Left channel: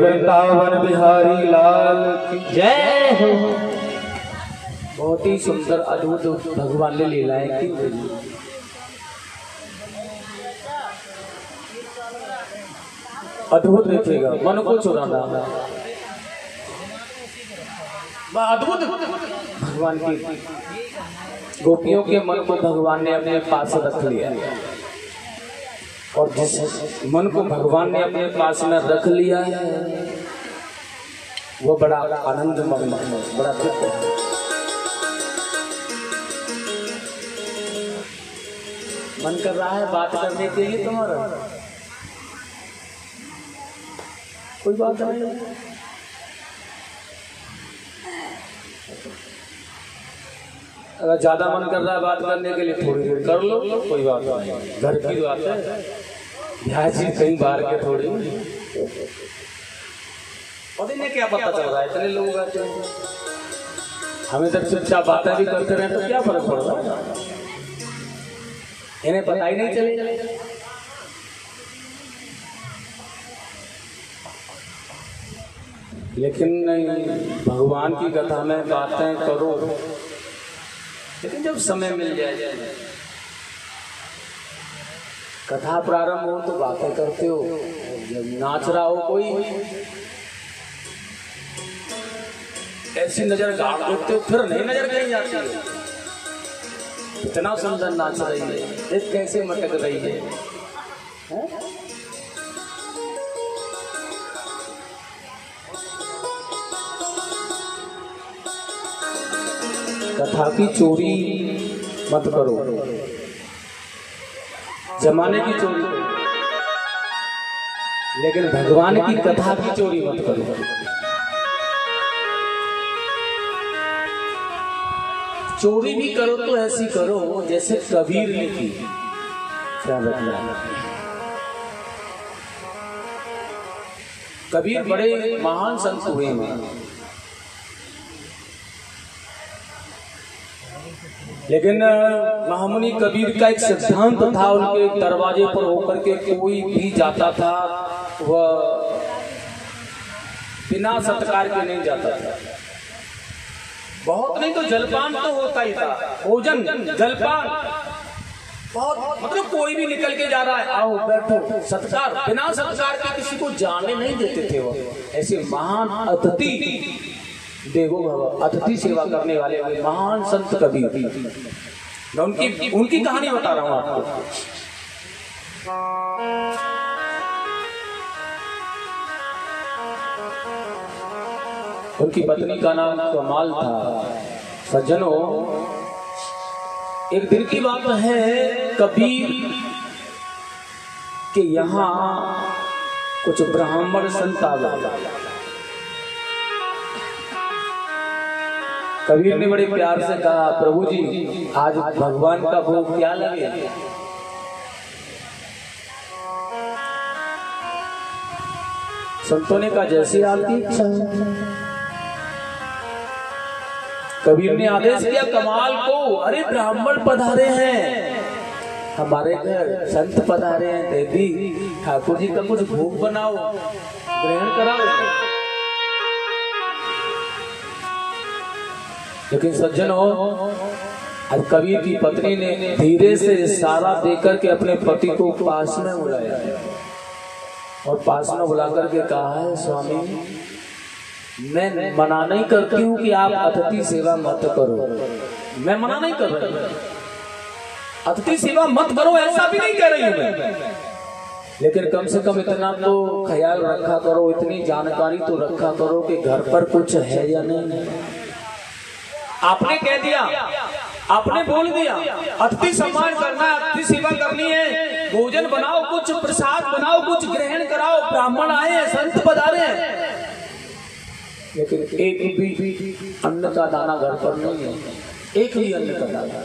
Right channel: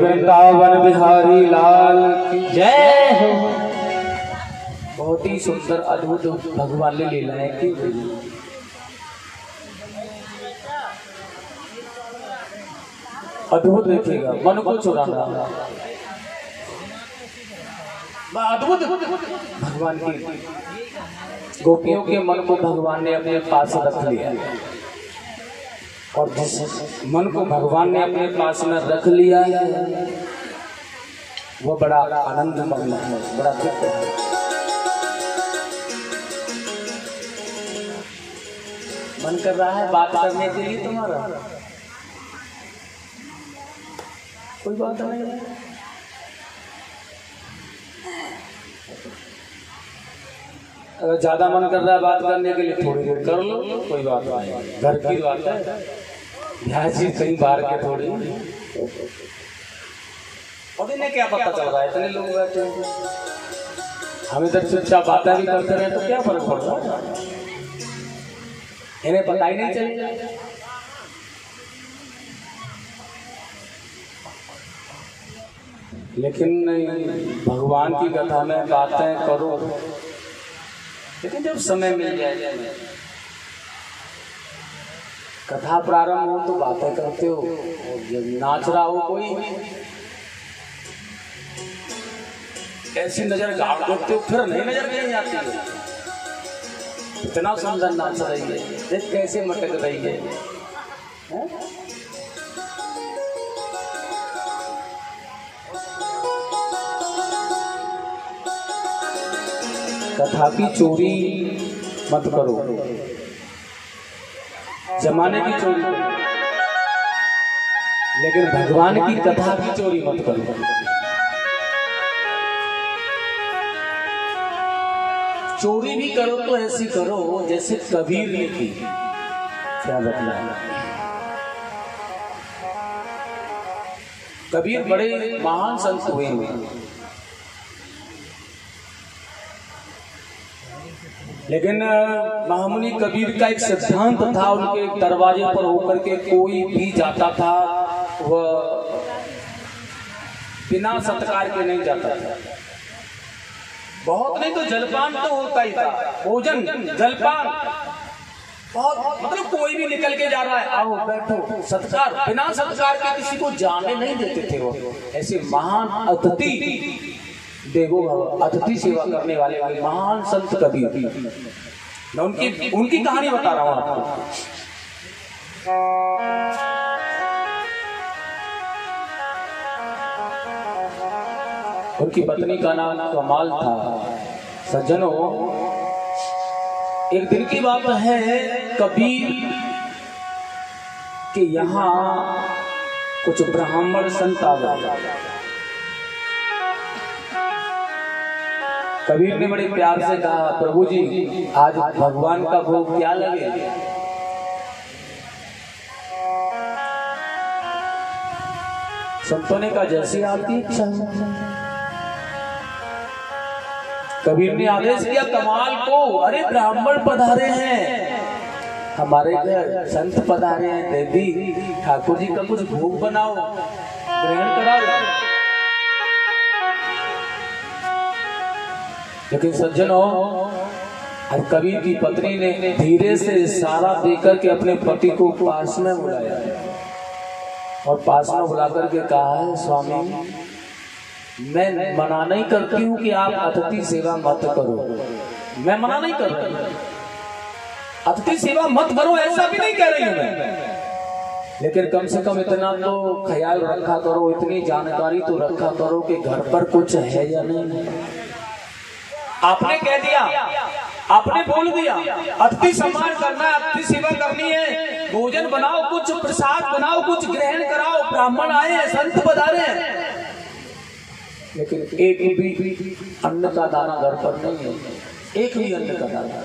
वृंदावन बिहारी लाल की जय हो। बहुत ही सुंदर अद्भुत भगवान ने लीलाएं की। अद्भुत देखिएगा, मन को चुराना। अद्भुत भगवान की गोपियों के मन को भगवान ने अपने पास रख लिया, और जिस मन को भगवान ने अपने पास में रख लिया है वो बड़ा आनंदमग्न है, बड़ा तृप्त है। मन कर रहा है बात करने के लिए तुम्हारा, कोई बात नहीं। अगर ज्यादा मन कर रहा है बात करने के लिए थोड़ी देर कर लो, कोई बात नहीं, घर की बात है। ध्यान कई बार के थोड़ी और इन्हें क्या पता चल रहा है, इतने लोग रहते हैं, हमें तक चुपचाप बातें भी करते रहे तो क्या फर्क पड़ रहा है, इन्हें पता ही नहीं चलेगा। लेकिन भगवान की कथा में बातें करो, लेकिन जब समय मिल जाए, कथा प्रारंभ हो तो बातें करते हो, जब नाच रहा हो कोई ऐसी नजर गाड़ देते हो, फिर नहीं नजर कहीं जाती है। इतना सुंदर नाच रही है, देख कैसे मटक रही है, कथा की चोरी मत करो, जमाने की चोरी करो, लेकिन भगवान की कथा की चोरी मत करो। चोरी भी करो तो ऐसी करो जैसे कबीर ने की। क्या रखना है, कबीर बड़े महान संत हुए हैं, लेकिन महामुनि कबीर का एक सिद्धांत था, उनके दरवाजे पर होकर के कोई भी जाता था वह बिना सत्कार के नहीं जाता था। बहुत नहीं तो जलपान तो होता ही था, भोजन जलपान बहुत, मतलब कोई भी निकल के जा रहा है, आओ बैठो, सत्कार, बिना सत्कार के किसी को जाने नहीं देते थे वो। ऐसे महान अतिथि देवो भव, अतिथि सेवा करने वाले महान संत कबीर, मैं उनकी कहानी बता रहा हूं आपको। उनकी पत्नी का नाम कमाल था। सज्जनों, एक दिन की बात है, कबीर के यहाँ कुछ ब्राह्मण संत आ गए। कबीर ने बड़े प्यार से कहा, प्रभु जी आज भगवान का भोग क्या लगे? संतों ने कहा जैसी आपकी इच्छा। कबीर ने आदेश किया कमाल को, अरे ब्राह्मण पधारे हैं हमारे घर, संत पधारे हैं, देवी ठाकुर जी का कुछ भोग बनाओ, ग्रहण कराओ। लेकिन सज्जनों, आज कबीर की पत्नी ने धीरे से इशारा देकर के अपने पति को पास में बुलाया और पास में बुलाकर के कहा है, स्वामी मैं मना नहीं करती हूँ कि आप अतिथि सेवा मत करो, मैं मना नहीं कर रही, अतिथि सेवा मत करो ऐसा भी नहीं कह रही हूँ मैं, लेकिन कम से कम इतना तो ख्याल रखा करो, इतनी जानकारी तो रखा करो कि घर पर कुछ है या नहीं। आपने कह दिया, आपने बोल दिया अतिथि सम्मान करना है, अतिथि सेवा करनी है, भोजन बनाओ, कुछ प्रसाद बनाओ, कुछ ग्रहण कराओ, ब्राह्मण आए हैं, संत पधारे हैं, लेकिन एक भी अन्न का दाना घर पर नहीं है, एक भी अन्न का दाना,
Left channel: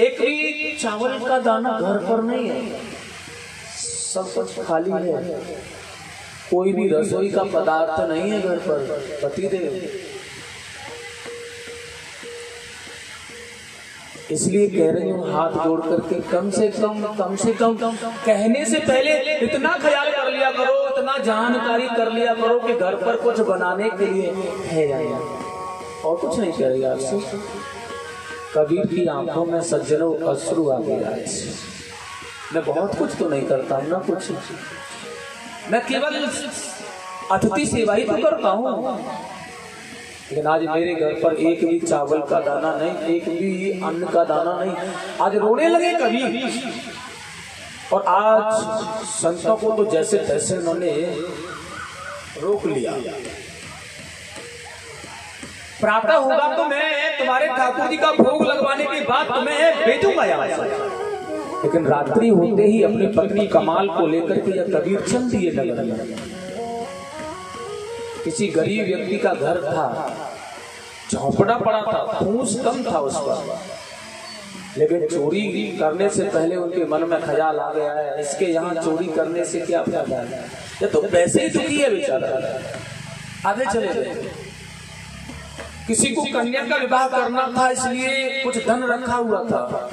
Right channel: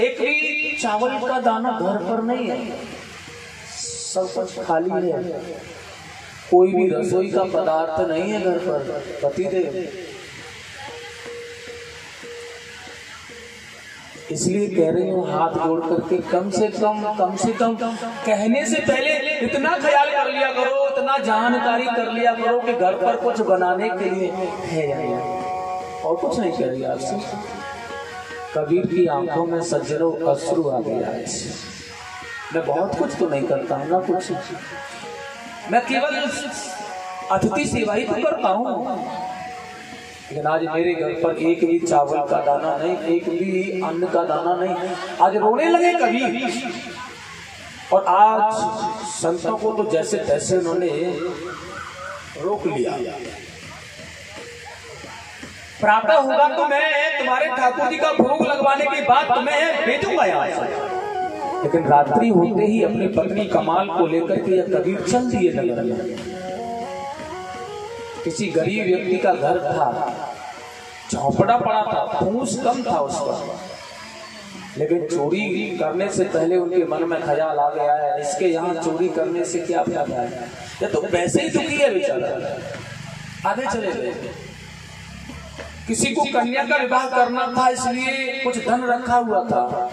एक भी चावल का दाना घर पर नहीं है, सब कुछ खाली है, कोई भी रसोई का पदार्थ नहीं है घर पर। पतिदेव इसलिए कह रही हूँ हाथ जोड़ करके कम से कम कहने से पहले इतना ख्याल कर लिया करो, इतना जानकारी कर लिया करो कि घर पर कुछ बनाने के लिए है या नहीं, और कुछ नहीं कह रही आपसे। कबीर की आंखों में सज्जनों अश्रु आ गया। मैं बहुत कुछ तो नहीं करता हूँ ना, कुछ मैं केवल अतिथि सेवा ही तो करता हूँ, लेकिन आज मेरे घर पर एक भी चावल का दाना नहीं, एक भी अन्न का दाना नहीं। आज रोने लगे कबीर, और आज संतों को तो जैसे तैसे उन्होंने रोक लिया। प्रातः होगा तो मैं तुम्हारे ठाकुर जी का भोग लगवाने की बात तुम्हें भेजूंगा यहाँ से, लेकिन रात्रि होते ही अपनी पत्नी कमाल को लेकर के यह कबीर चल दिए नगर में। किसी गरीब व्यक्ति का घर था, झोंपड़ा पड़ा था, फूस कम था उसका, लेकिन चोरी करने से पहले उनके मन में ख्याल आ गया है, इसके यहाँ चोरी करने से क्या फायदा है, ये तो वैसे ही दुखी है बेचारा, आधे चले गए। किसी को कन्या का विवाह करना था, इसलिए कुछ धन रखा हुआ था।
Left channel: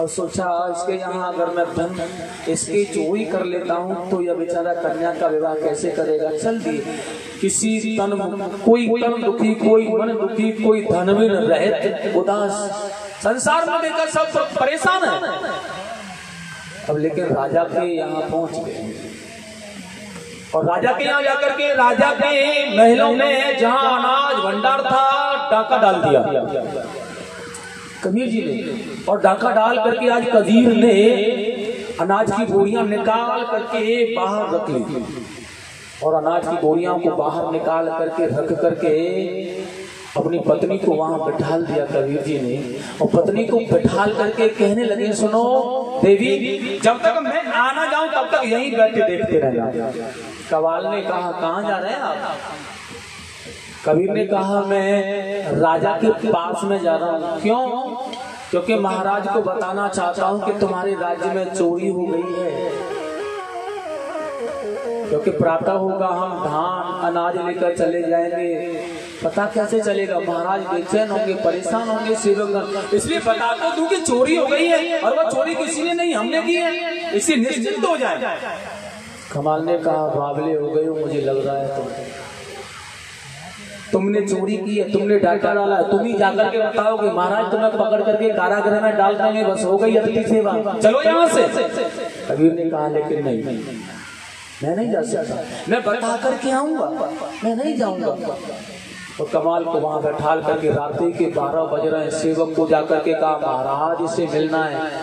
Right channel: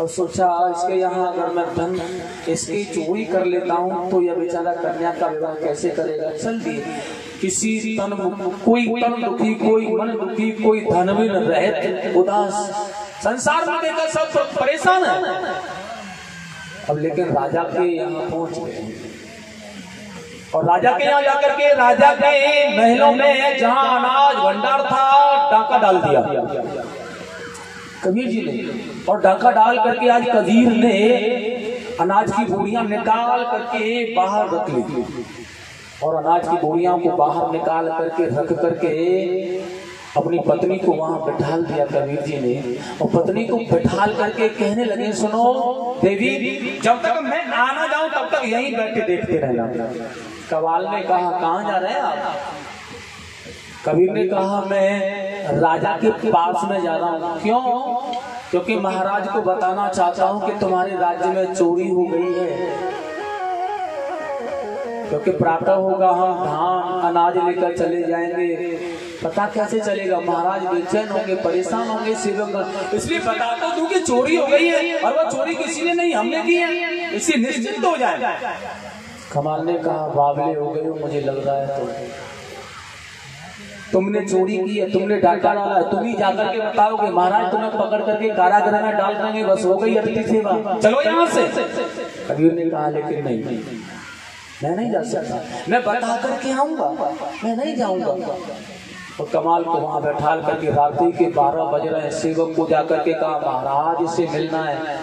अब सोचा इसके यहाँ अगर मैं धन इसकी चोरी कर लेता हूँ तो यह बेचारा कन्या का विवाह कैसे करेगा। चल दिए किसी कोई तन दुखी, कोई मन दुखी, कोई धनवीर रहित उदास, संसार में देखा सब परेशान है। अब लेकिन राजा के यहाँ पहुंच गए और राजा के यहाँ जाकर के राजा के महलों में जहाँ अनाज भंडार था डाका डाल दिया कबीर जी ने। और डाका डाल करके आज कबीर ने अनाज की बोरियां निकाल करके बाहर रख ली और अनाज की बोरियां को बाहर निकाल करके रख करके अपनी पत्नी को वहां बैठाल दिया कबीर जी ने। और पत्नी को बैठाल करके कहने लगे, सुनो देवी, जब तक मैं आना जाऊं तब तक यहीं बैठे देखते रहना। कवाल ने कहा, कहाँ जा रहे हैं आप? कबीर ने कहा, मैं राजा के पास में जा रहा हूँ। क्यों? क्योंकि महाराज को बताना चाहता हूँ कि तुम्हारे राज्य में चोरी हो गई है। क्योंकि प्रातः होगा, हम धान अनाज लेकर चले जाएंगे, पता कैसे चलेगा? महाराज बेचैन होंगे, परेशान होंगे सेवक, इसलिए बता तो दूं कि चोरी हो गई है और वो चोरी किसी ने नहीं, हमने की है, इसी निश्चिंत हो जाए। कमाल ने कहा, बावले हो गए हो, मुझे लग रहा है तुमने चोरी की है, तुमने डाका डाला है, तुम ही जाकर के बताओगे। महाराज तुम्हें पकड़ करके कारागृह में डाल देंगे, बस हो गई अतिथि सेवा, चलो यहाँ से। कबीर ने कहा, लेकिन नहीं, मैं नहीं जा सकता, मैं बता करके आऊंगा, मैं नहीं जाऊंगा। तो कमाल को वहां बैठाल करके रात्रि के 12 बज रहे हैं। सेवक को जाकर के कहा, महाराज से मिलना है।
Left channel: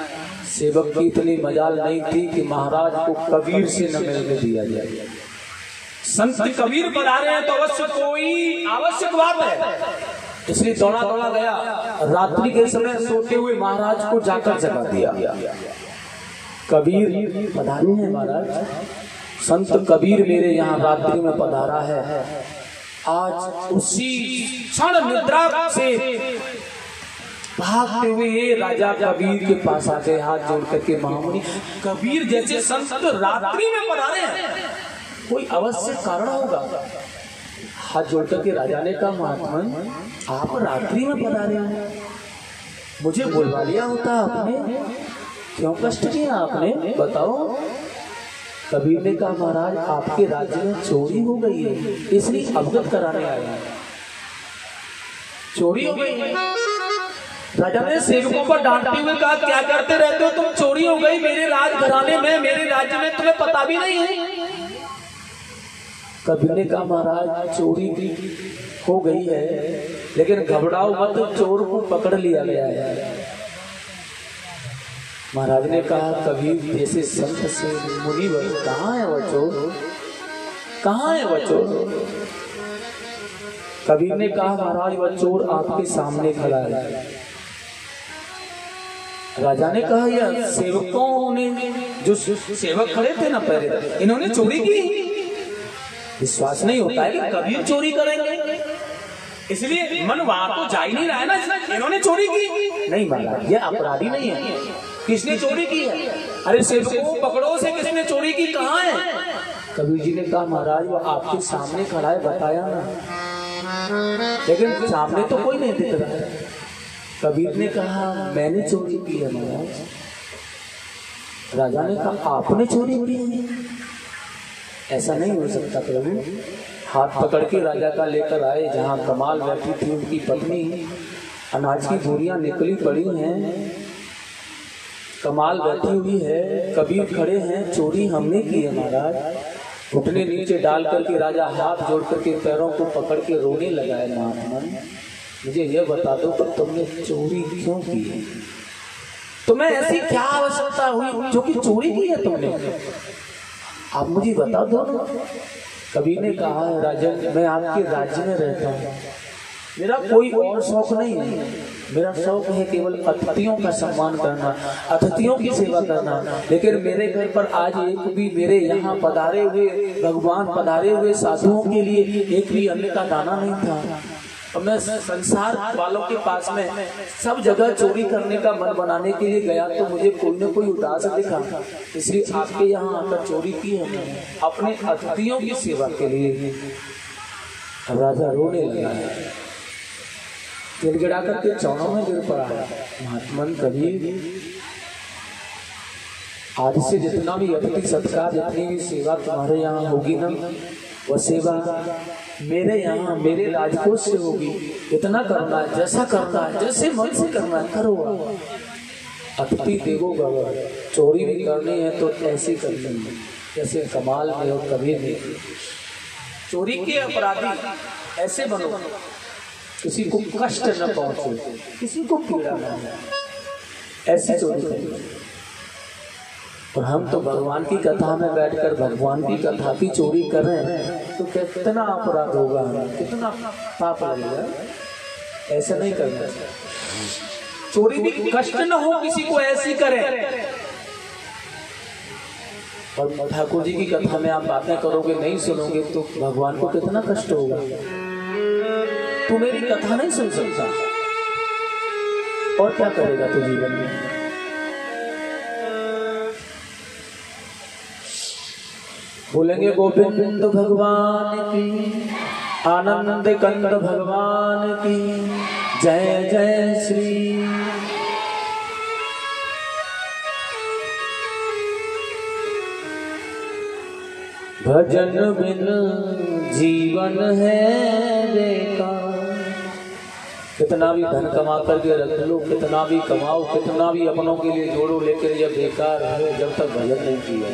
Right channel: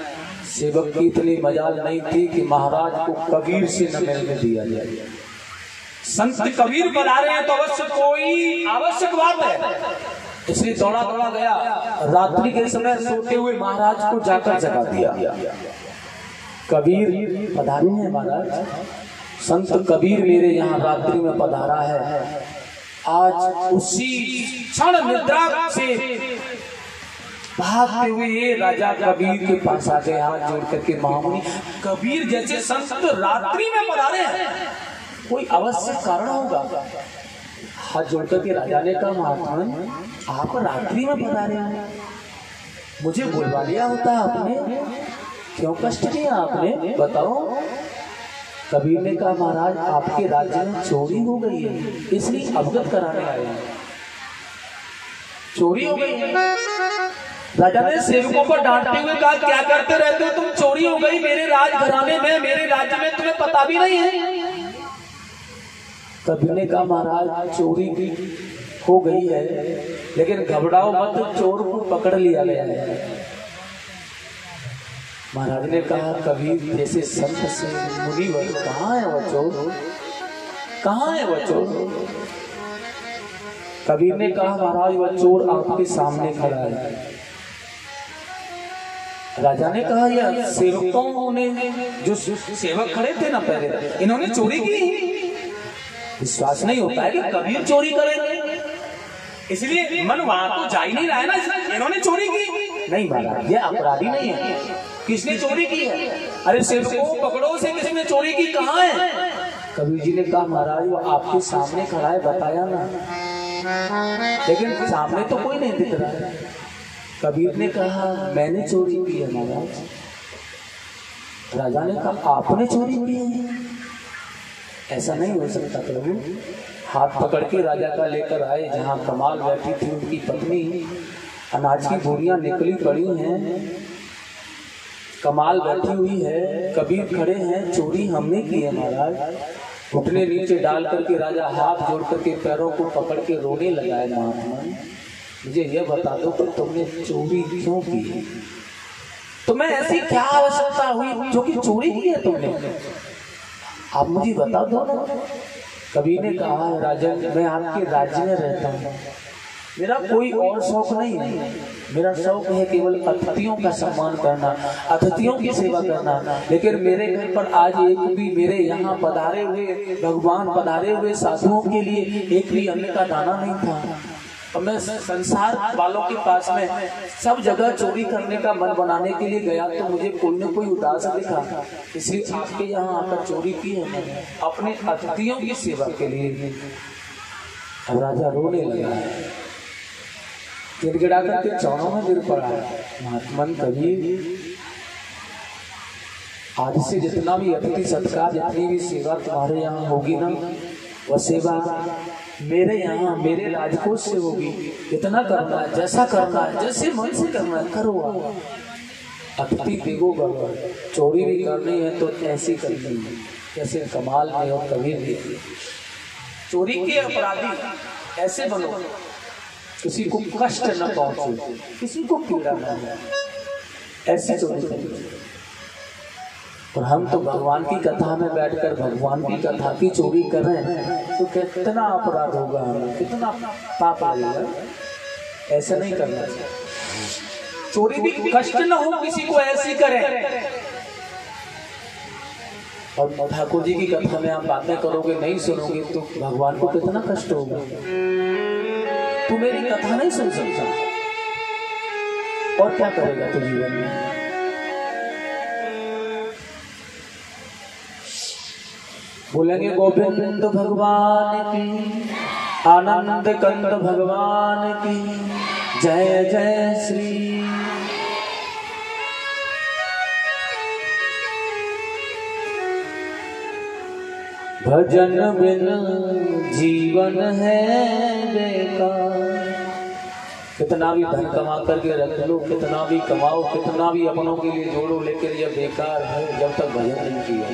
सेवक की इतनी मजाल नहीं थी कि महाराज को कबीर से न मिलने दिया जाए। संत कबीर बना रहे हैं तो अवश्य कोई आवश्यक बात है, इसलिए दौड़ा दौड़ा गया। रात्रि के समय सोते हुए महाराज को जाकर जगा दिया। कबीर पधारे हैं महाराज, संत कबीर मेरे यहाँ रात्रि में पधारा है। आज उसी क्षण निद्रा से भागते हुए राजा कबीर के पास आ गए, हाथ जोड़ करके, महामुनि कबीर जैसे संत रात्रि में पधारे हैं, कोई अवश्य कारण होगा। हाथ जोड़ करके राजा ने कहा, महात्मा आप रात्रि में पधारे हैं, मुझे बुलवा लिया होता आपने, क्यों कष्ट किया आपने, बताओ। कबीर ने कहा, महाराज आपके राज्य में चोरी हो गई है, इसलिए अवगत कराने आए हैं। चोरी हो गई है। राजा ने सेवकों को डांटते हुए कहा, क्या करते रहते हो तुम, चोरी हो गई मेरे राजघराने में, मेरे राज्य में, तुम्हें पता भी नहीं है। कबीर ने कहा, महाराज चोरी भी हो गई है, लेकिन घबराओ मत, चोर को पकड़ लिया गया है। महाराज ने कहा, कबीर जैसे संत से मुनिवर, कहाँ है वह चोर, कहाँ है वह चोर? कबीर ने कहा, महाराज वह चोर आपके सामने खड़ा है। राजा ने कहा, यह सेवकों ने, जो सेवक खड़े थे ना पहले, इन्होंने चोरी की। विश्वास नहीं होता है कि कबीर चोरी करेंगे, इसलिए मन वहां तो जा ही नहीं रहा है ना, इन्होंने चोरी की। नहीं महाराज, ये अपराधी नहीं है। किसने चोरी की है? अरे सेवकों को पकड़ो से किसने चोरी की, कहाँ है? कबीर जी ने कहा, महाराज वो आपके सामने खड़ा है, बताया ना, लेकिन सामने तो कोई नहीं दिख रहा है। कबीर ने कहा, मैंने चोरी की है महाराज। राजा ने कहा, आपने चोरी की है? ऐसा नहीं हो सकता प्रभु। हाथ पकड़ के राजा का लेकर आए, जहाँ कमाल बैठी थी उनकी पत्नी, अनाज की बोरियां निकली पड़ी हैं, कमाल बैठी हुई है, कबीर खड़े हैं, चोरी हमने की है महाराज। घुटने नीचे डाल करके राजा हाथ जोड़ करके पैरों को पकड़ के रोने लगा है, महात्मा मुझे यह बता दो तो तुमने चोरी क्यों की है? तुम्हें ऐसी क्या आवश्यकता हुई जो कि चोरी की है तुमने? आप मुझे बता दो। कबीर ने कहा, राजन मैं आपके राज्य में रहता हूँ, मेरा कोई और शौक नहीं है, मेरा शौक है केवल अतिथियों का सम्मान करना, अतिथियों की सेवा करना। लेकिन मेरे घर पर आज एक भी, मेरे यहाँ पधारे हुए भगवान पधारे हुए साधुओं के लिए एक भी अन्न का दाना नहीं था। अब मैं संसार वालों के पास में सब जगह चोरी करने का मन बनाने के लिए गया तो मुझे कोई न कोई उदास दिखा, इसलिए आपके यहाँ आकर चोरी की है मैंने, अपने अतिथियों की सेवा के लिए। राजा रोने लगा है, गिड़गिड़ा करके चौरों में गिर पड़ा है। महात्मन कबीर, आज से जितना भी अतिथि सत्कार, जितनी भी सेवा तुम्हारे यहाँ होगी ना, वह सेवा मेरे यहाँ मेरे राजकोष से होगी। इतना करना है, जैसा करना है, जैसे मन से करना है करो। अतिथि देवो भव, चोरी भी करनी है तो ऐसी करनी है जैसे कमाल में और कबीर ने। चोरी के अपराधी ऐसे बनो, किसी को कष्ट न पहुंचे, किसी को पीड़ा न हो, ऐसी चोरी करो। और हम तो भगवान की कथा में बैठकर भगवान की कथा की चोरी कर रहे हैं तो कितना अपराध होगा, हमें कितना पाप लगेगा। ऐसा नहीं करना चाहिए। चोरी भी कष्ट न हो किसी को, ऐसी करें। और ठाकुर जी की कथा में आप बातें करोगे, नहीं सुनोगे तो भगवान को कितना कष्ट होगा। तू मेरी कथा नहीं सुन सकता और क्या करेगा तू जीवन में। बोलेंगे गोविंद भगवान की, आनंद कंद भगवान की जय जय श्री। भजन बिन जीवन है बेकार। कितना भी धन कमा करके रख लो, कितना भी कमाओ, कितना भी अपनों के लिए जोड़ो, लेकिन यह बेकार है जब तक भजन नहीं किया।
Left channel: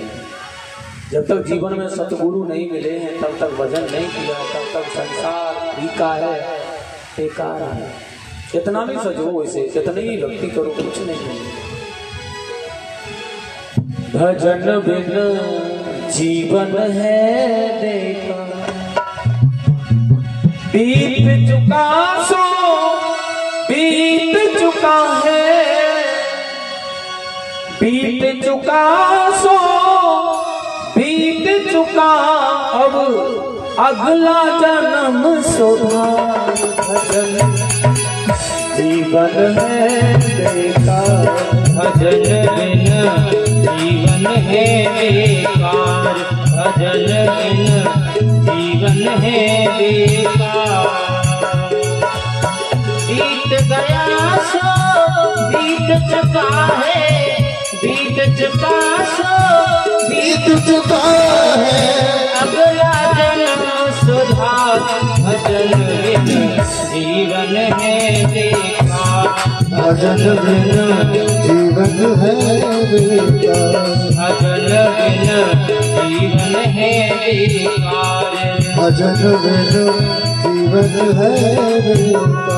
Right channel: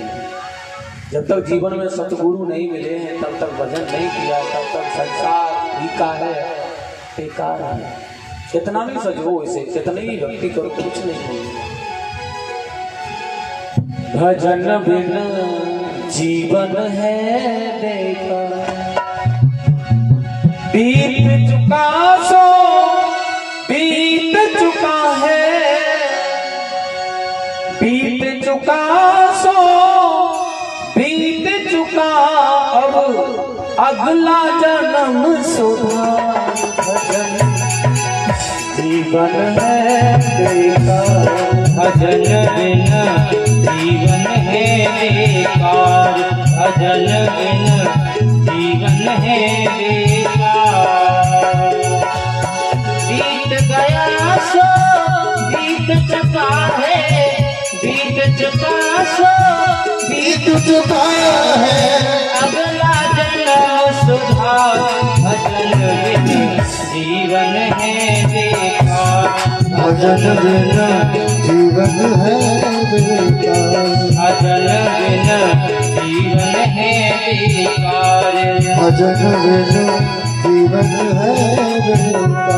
जब तक जीवन में सतगुरु नहीं मिले हैं तब तक भजन नहीं किया, तब तक संसार फीका है, बेकार है। कितना भी सजो इसे, कितनी ही भक्ति करो, कुछ नहीं। भजन बिन जीवन है बेकार। बीत चुका सो बीत चुका है, बीत चुका सो बीत चुका, अब अगला जन्म सुधार। भजन जीवन है बेकार, भजन बिन जीवन है बेकार, भजन बिन जीवन है बेकार। बीत गया सो बीत चुका है, बीत चुका सो बीत चुका है, अगला जन्म सुधार। भजन बिन जीवन है बेकार, भजन बिन जीवन है बेकार, भजन बिन जीवन है बेकार, भजन बिन जीवन है बेकार।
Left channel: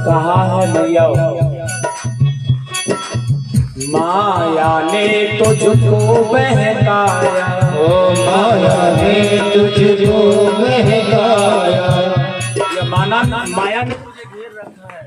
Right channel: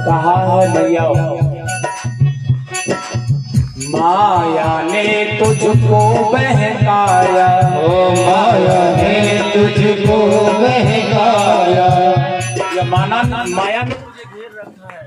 कहा है भैया, माया ने तुझको बहकाया, ओ माया ने तुझको बहकाया। ये माया ने तुझे घेर रखा है।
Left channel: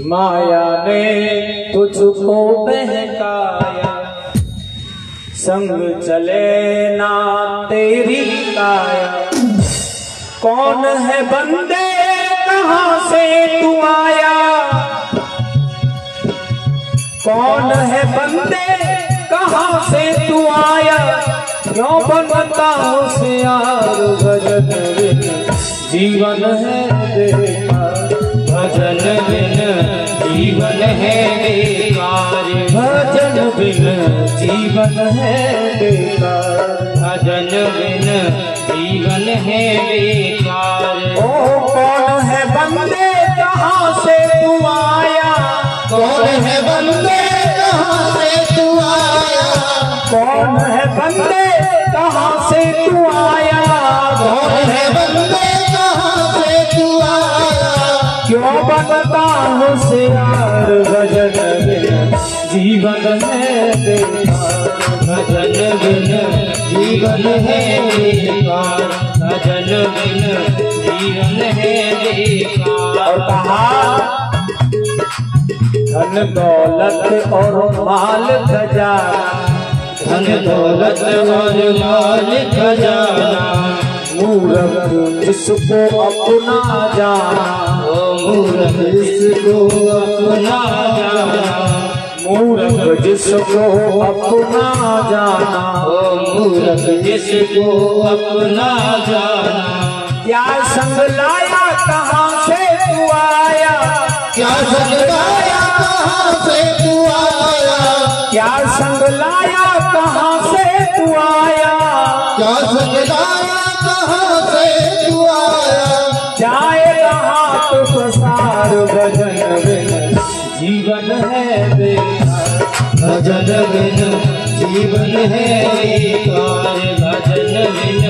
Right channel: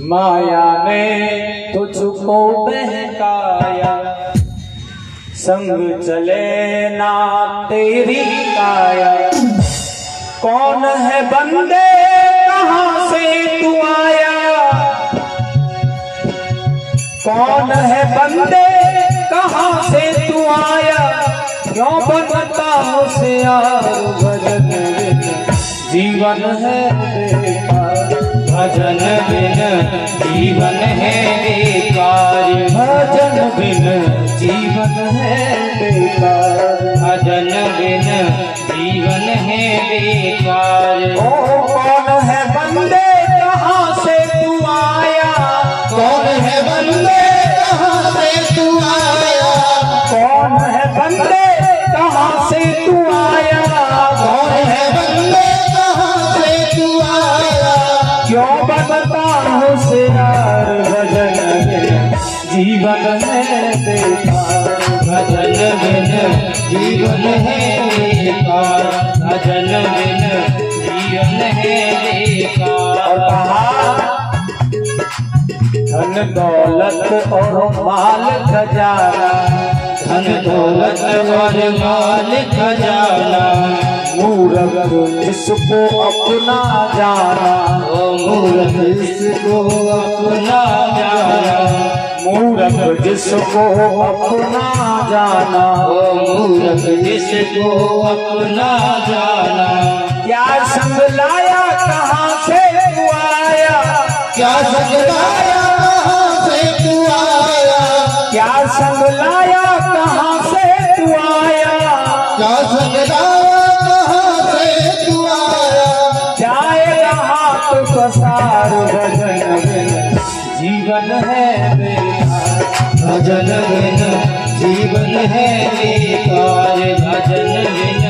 माया ने तुझको बहकाया, संग चले ना तेरी काया, कौन है बंदे कहाँ से तू आया, कौन है बंदे कहाँ से तू आया, क्यों बनता होशियार भजन बिन जीवन है बेकार, भजन बिन जीवन है बेकार, भजन बिन जीवन है बेकार, भजन बिन जीवन है बेकार। ओ कौन है बंदे कहाँ से तू आया, कौन है बंदे कहाँ से तू आया, कौन है बंदे कहाँ से तू आया, कौन है बंदे कहाँ से तू आया, क्यों बनता होशियार भजन बिन जीवन है बेकार, भजन बिन जीवन है बेकार, भजन बिन जीवन है बेकार। और कहा धन दौलत और माल खजाना, धन दौलत और माल खजाना, मूर्ख जिसको अपना जाना, मूर्ख जिसको अपना जाना, मूर्ख जिसको अपना जाना, मूर्ख जिसको अपना जाना। क्या संग लाया कहाँ से तू आया, क्या संग लाया कहाँ से तू आया, क्या संग लाया कहाँ से तू आया, क्या संग लाया कहाँ से तू आया, जाए हाथ पसार भजन बिन जीवन है बेकार, भजन बिन जीवन है बेकार, भजन बिन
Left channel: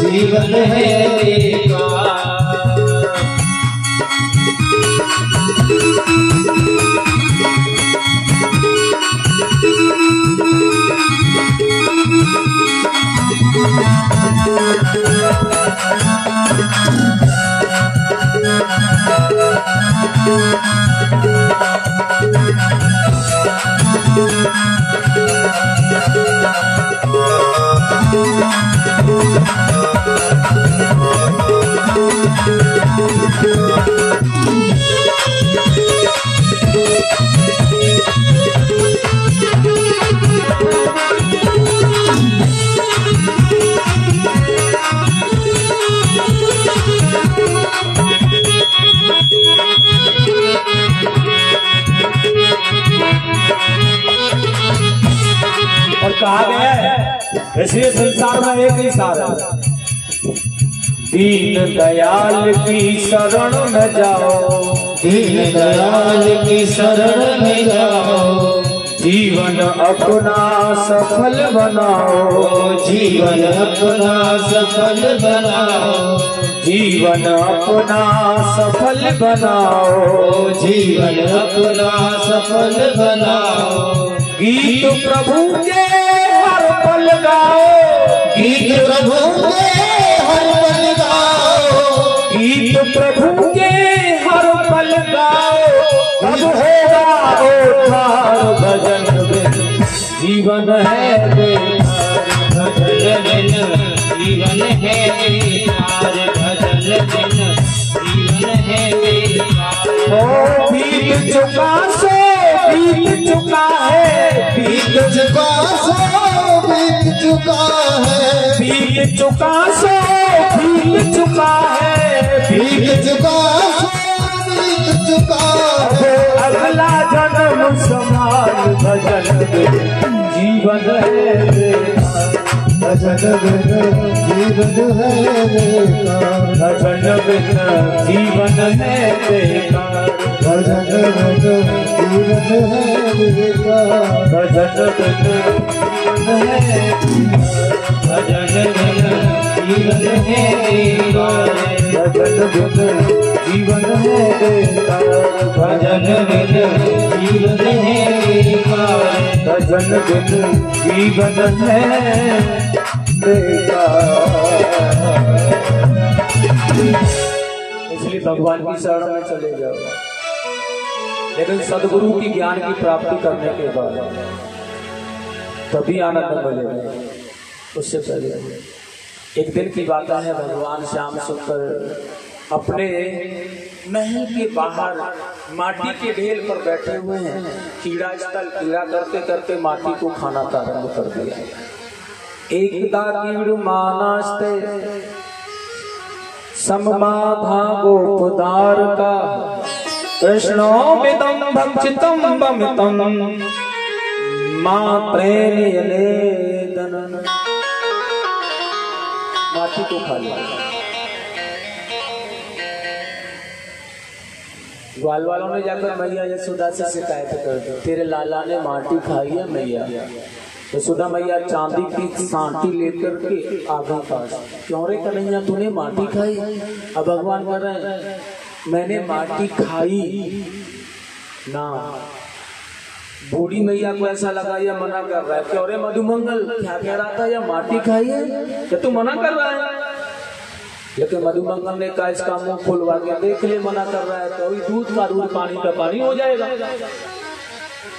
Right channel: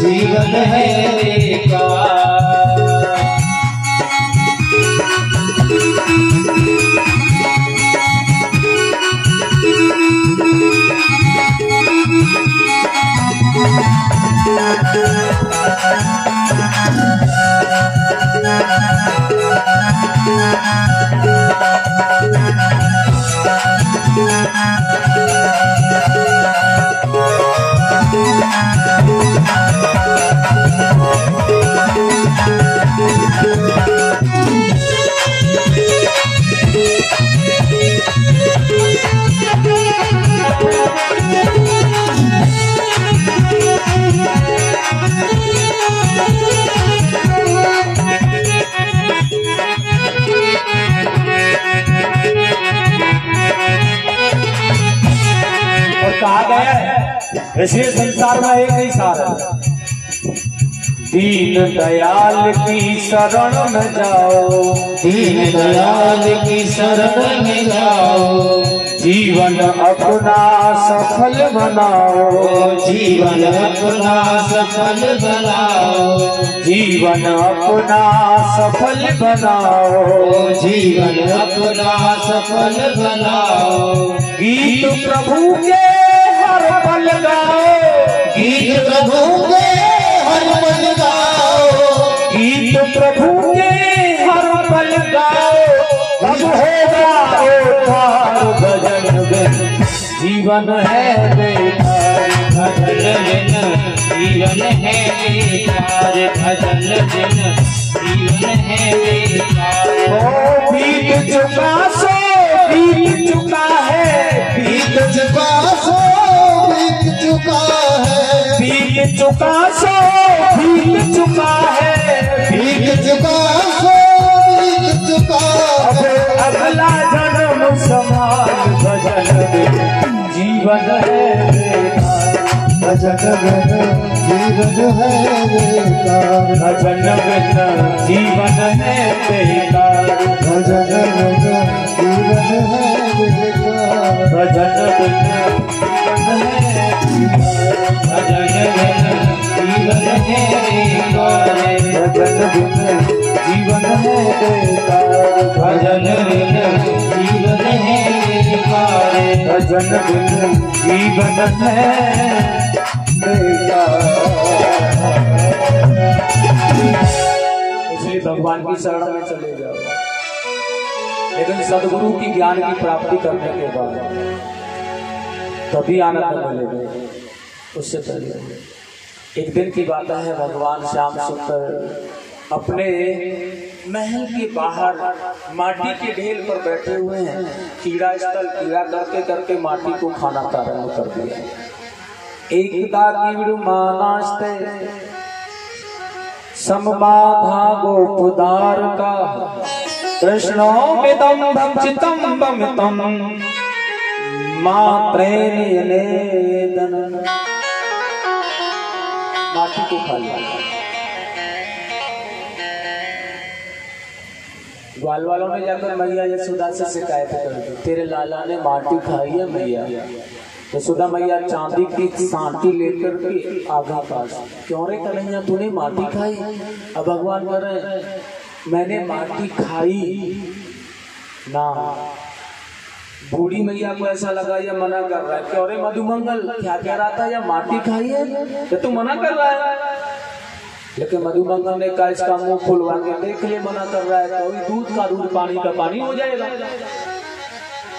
जीवन है बेकार। कहा गया है वैसे संसार में एक ही सार है, दीन दयाल की शरण में जाओ, दीन दयाल की शरण में जाओ, जीवन अपना सफल बनाओ, जीवन अपना सफल बनाओ, जीवन अपना सफल बनाओ, जीवन अपना सफल बनाओ। गीत प्रभु के हर पल गाओ, गीत प्रभु के हर पल गाओ, गीत प्रभु के हर पल गाओ, तब होगा उद्धार भजन बिन जीवन है बेकार, भजन बिन जीवन है बेकार, भजन बिन जीवन है बेकार। ओ बीत चुका सो बीत चुका है, बीत चुका सो बीत चुका है, बीत चुका सो बीत चुका है, बीत चुका सो बीत चुका है, अगला जन्म समान भजन बिन जीवन है बेकार, भजन बिन जीवन है बेकार, भजन बिन जीवन है बेकार, भजन बिन जीवन है बेकार, भजन बिन जीवन है बेकार, भजन बिन जीवन है बेकार, भजन बिन जीवन है बेकार, भजन बिन जीवन है बेकार। इसलिए भगवान की शरण में चले जाओ, लेकिन सदगुरु की ज्ञान की प्राप्ति करने के बाद तभी आनंद मिलेगा। उससे पहले एक दिन की बात है, भगवान श्याम सुंदर अपने महल के बाहर माटी के ढेर पर बैठे हुए हैं। कीड़ा स्थल कीड़ा करते करते माटी को खाना प्रारंभ कर दिया। एकदा कीड़ु मानास्ते समबाधा गोपदार का कृष्णो विदम भक्षितम बमितम मात्रेण यनेदन। माटी को खा लिया। ग्वाल वालों ने जाकर मैया यशोदा से शिकायत कर दी, तेरे लाला ने माटी खाई है मैया। यशोदा मैया चांदी की सांटी लेकर के आगे पास, क्यों रे कन्हैया तूने माटी खाई? अब भगवान कह रहे हैं मैंने माटी खाई ना। बूढ़ी मैया को ऐसा लगा या मना कर रहा है, क्यों रे मधुमंगल क्या कह रहा था, या माटी खाई है तो तू मना कर रहा है। लेकिन मधुमंगल ने कहा इसका मुंह खुलवा के देख ले, मना कर रहा है तो दूध का दूध पानी का पानी हो जाएगा।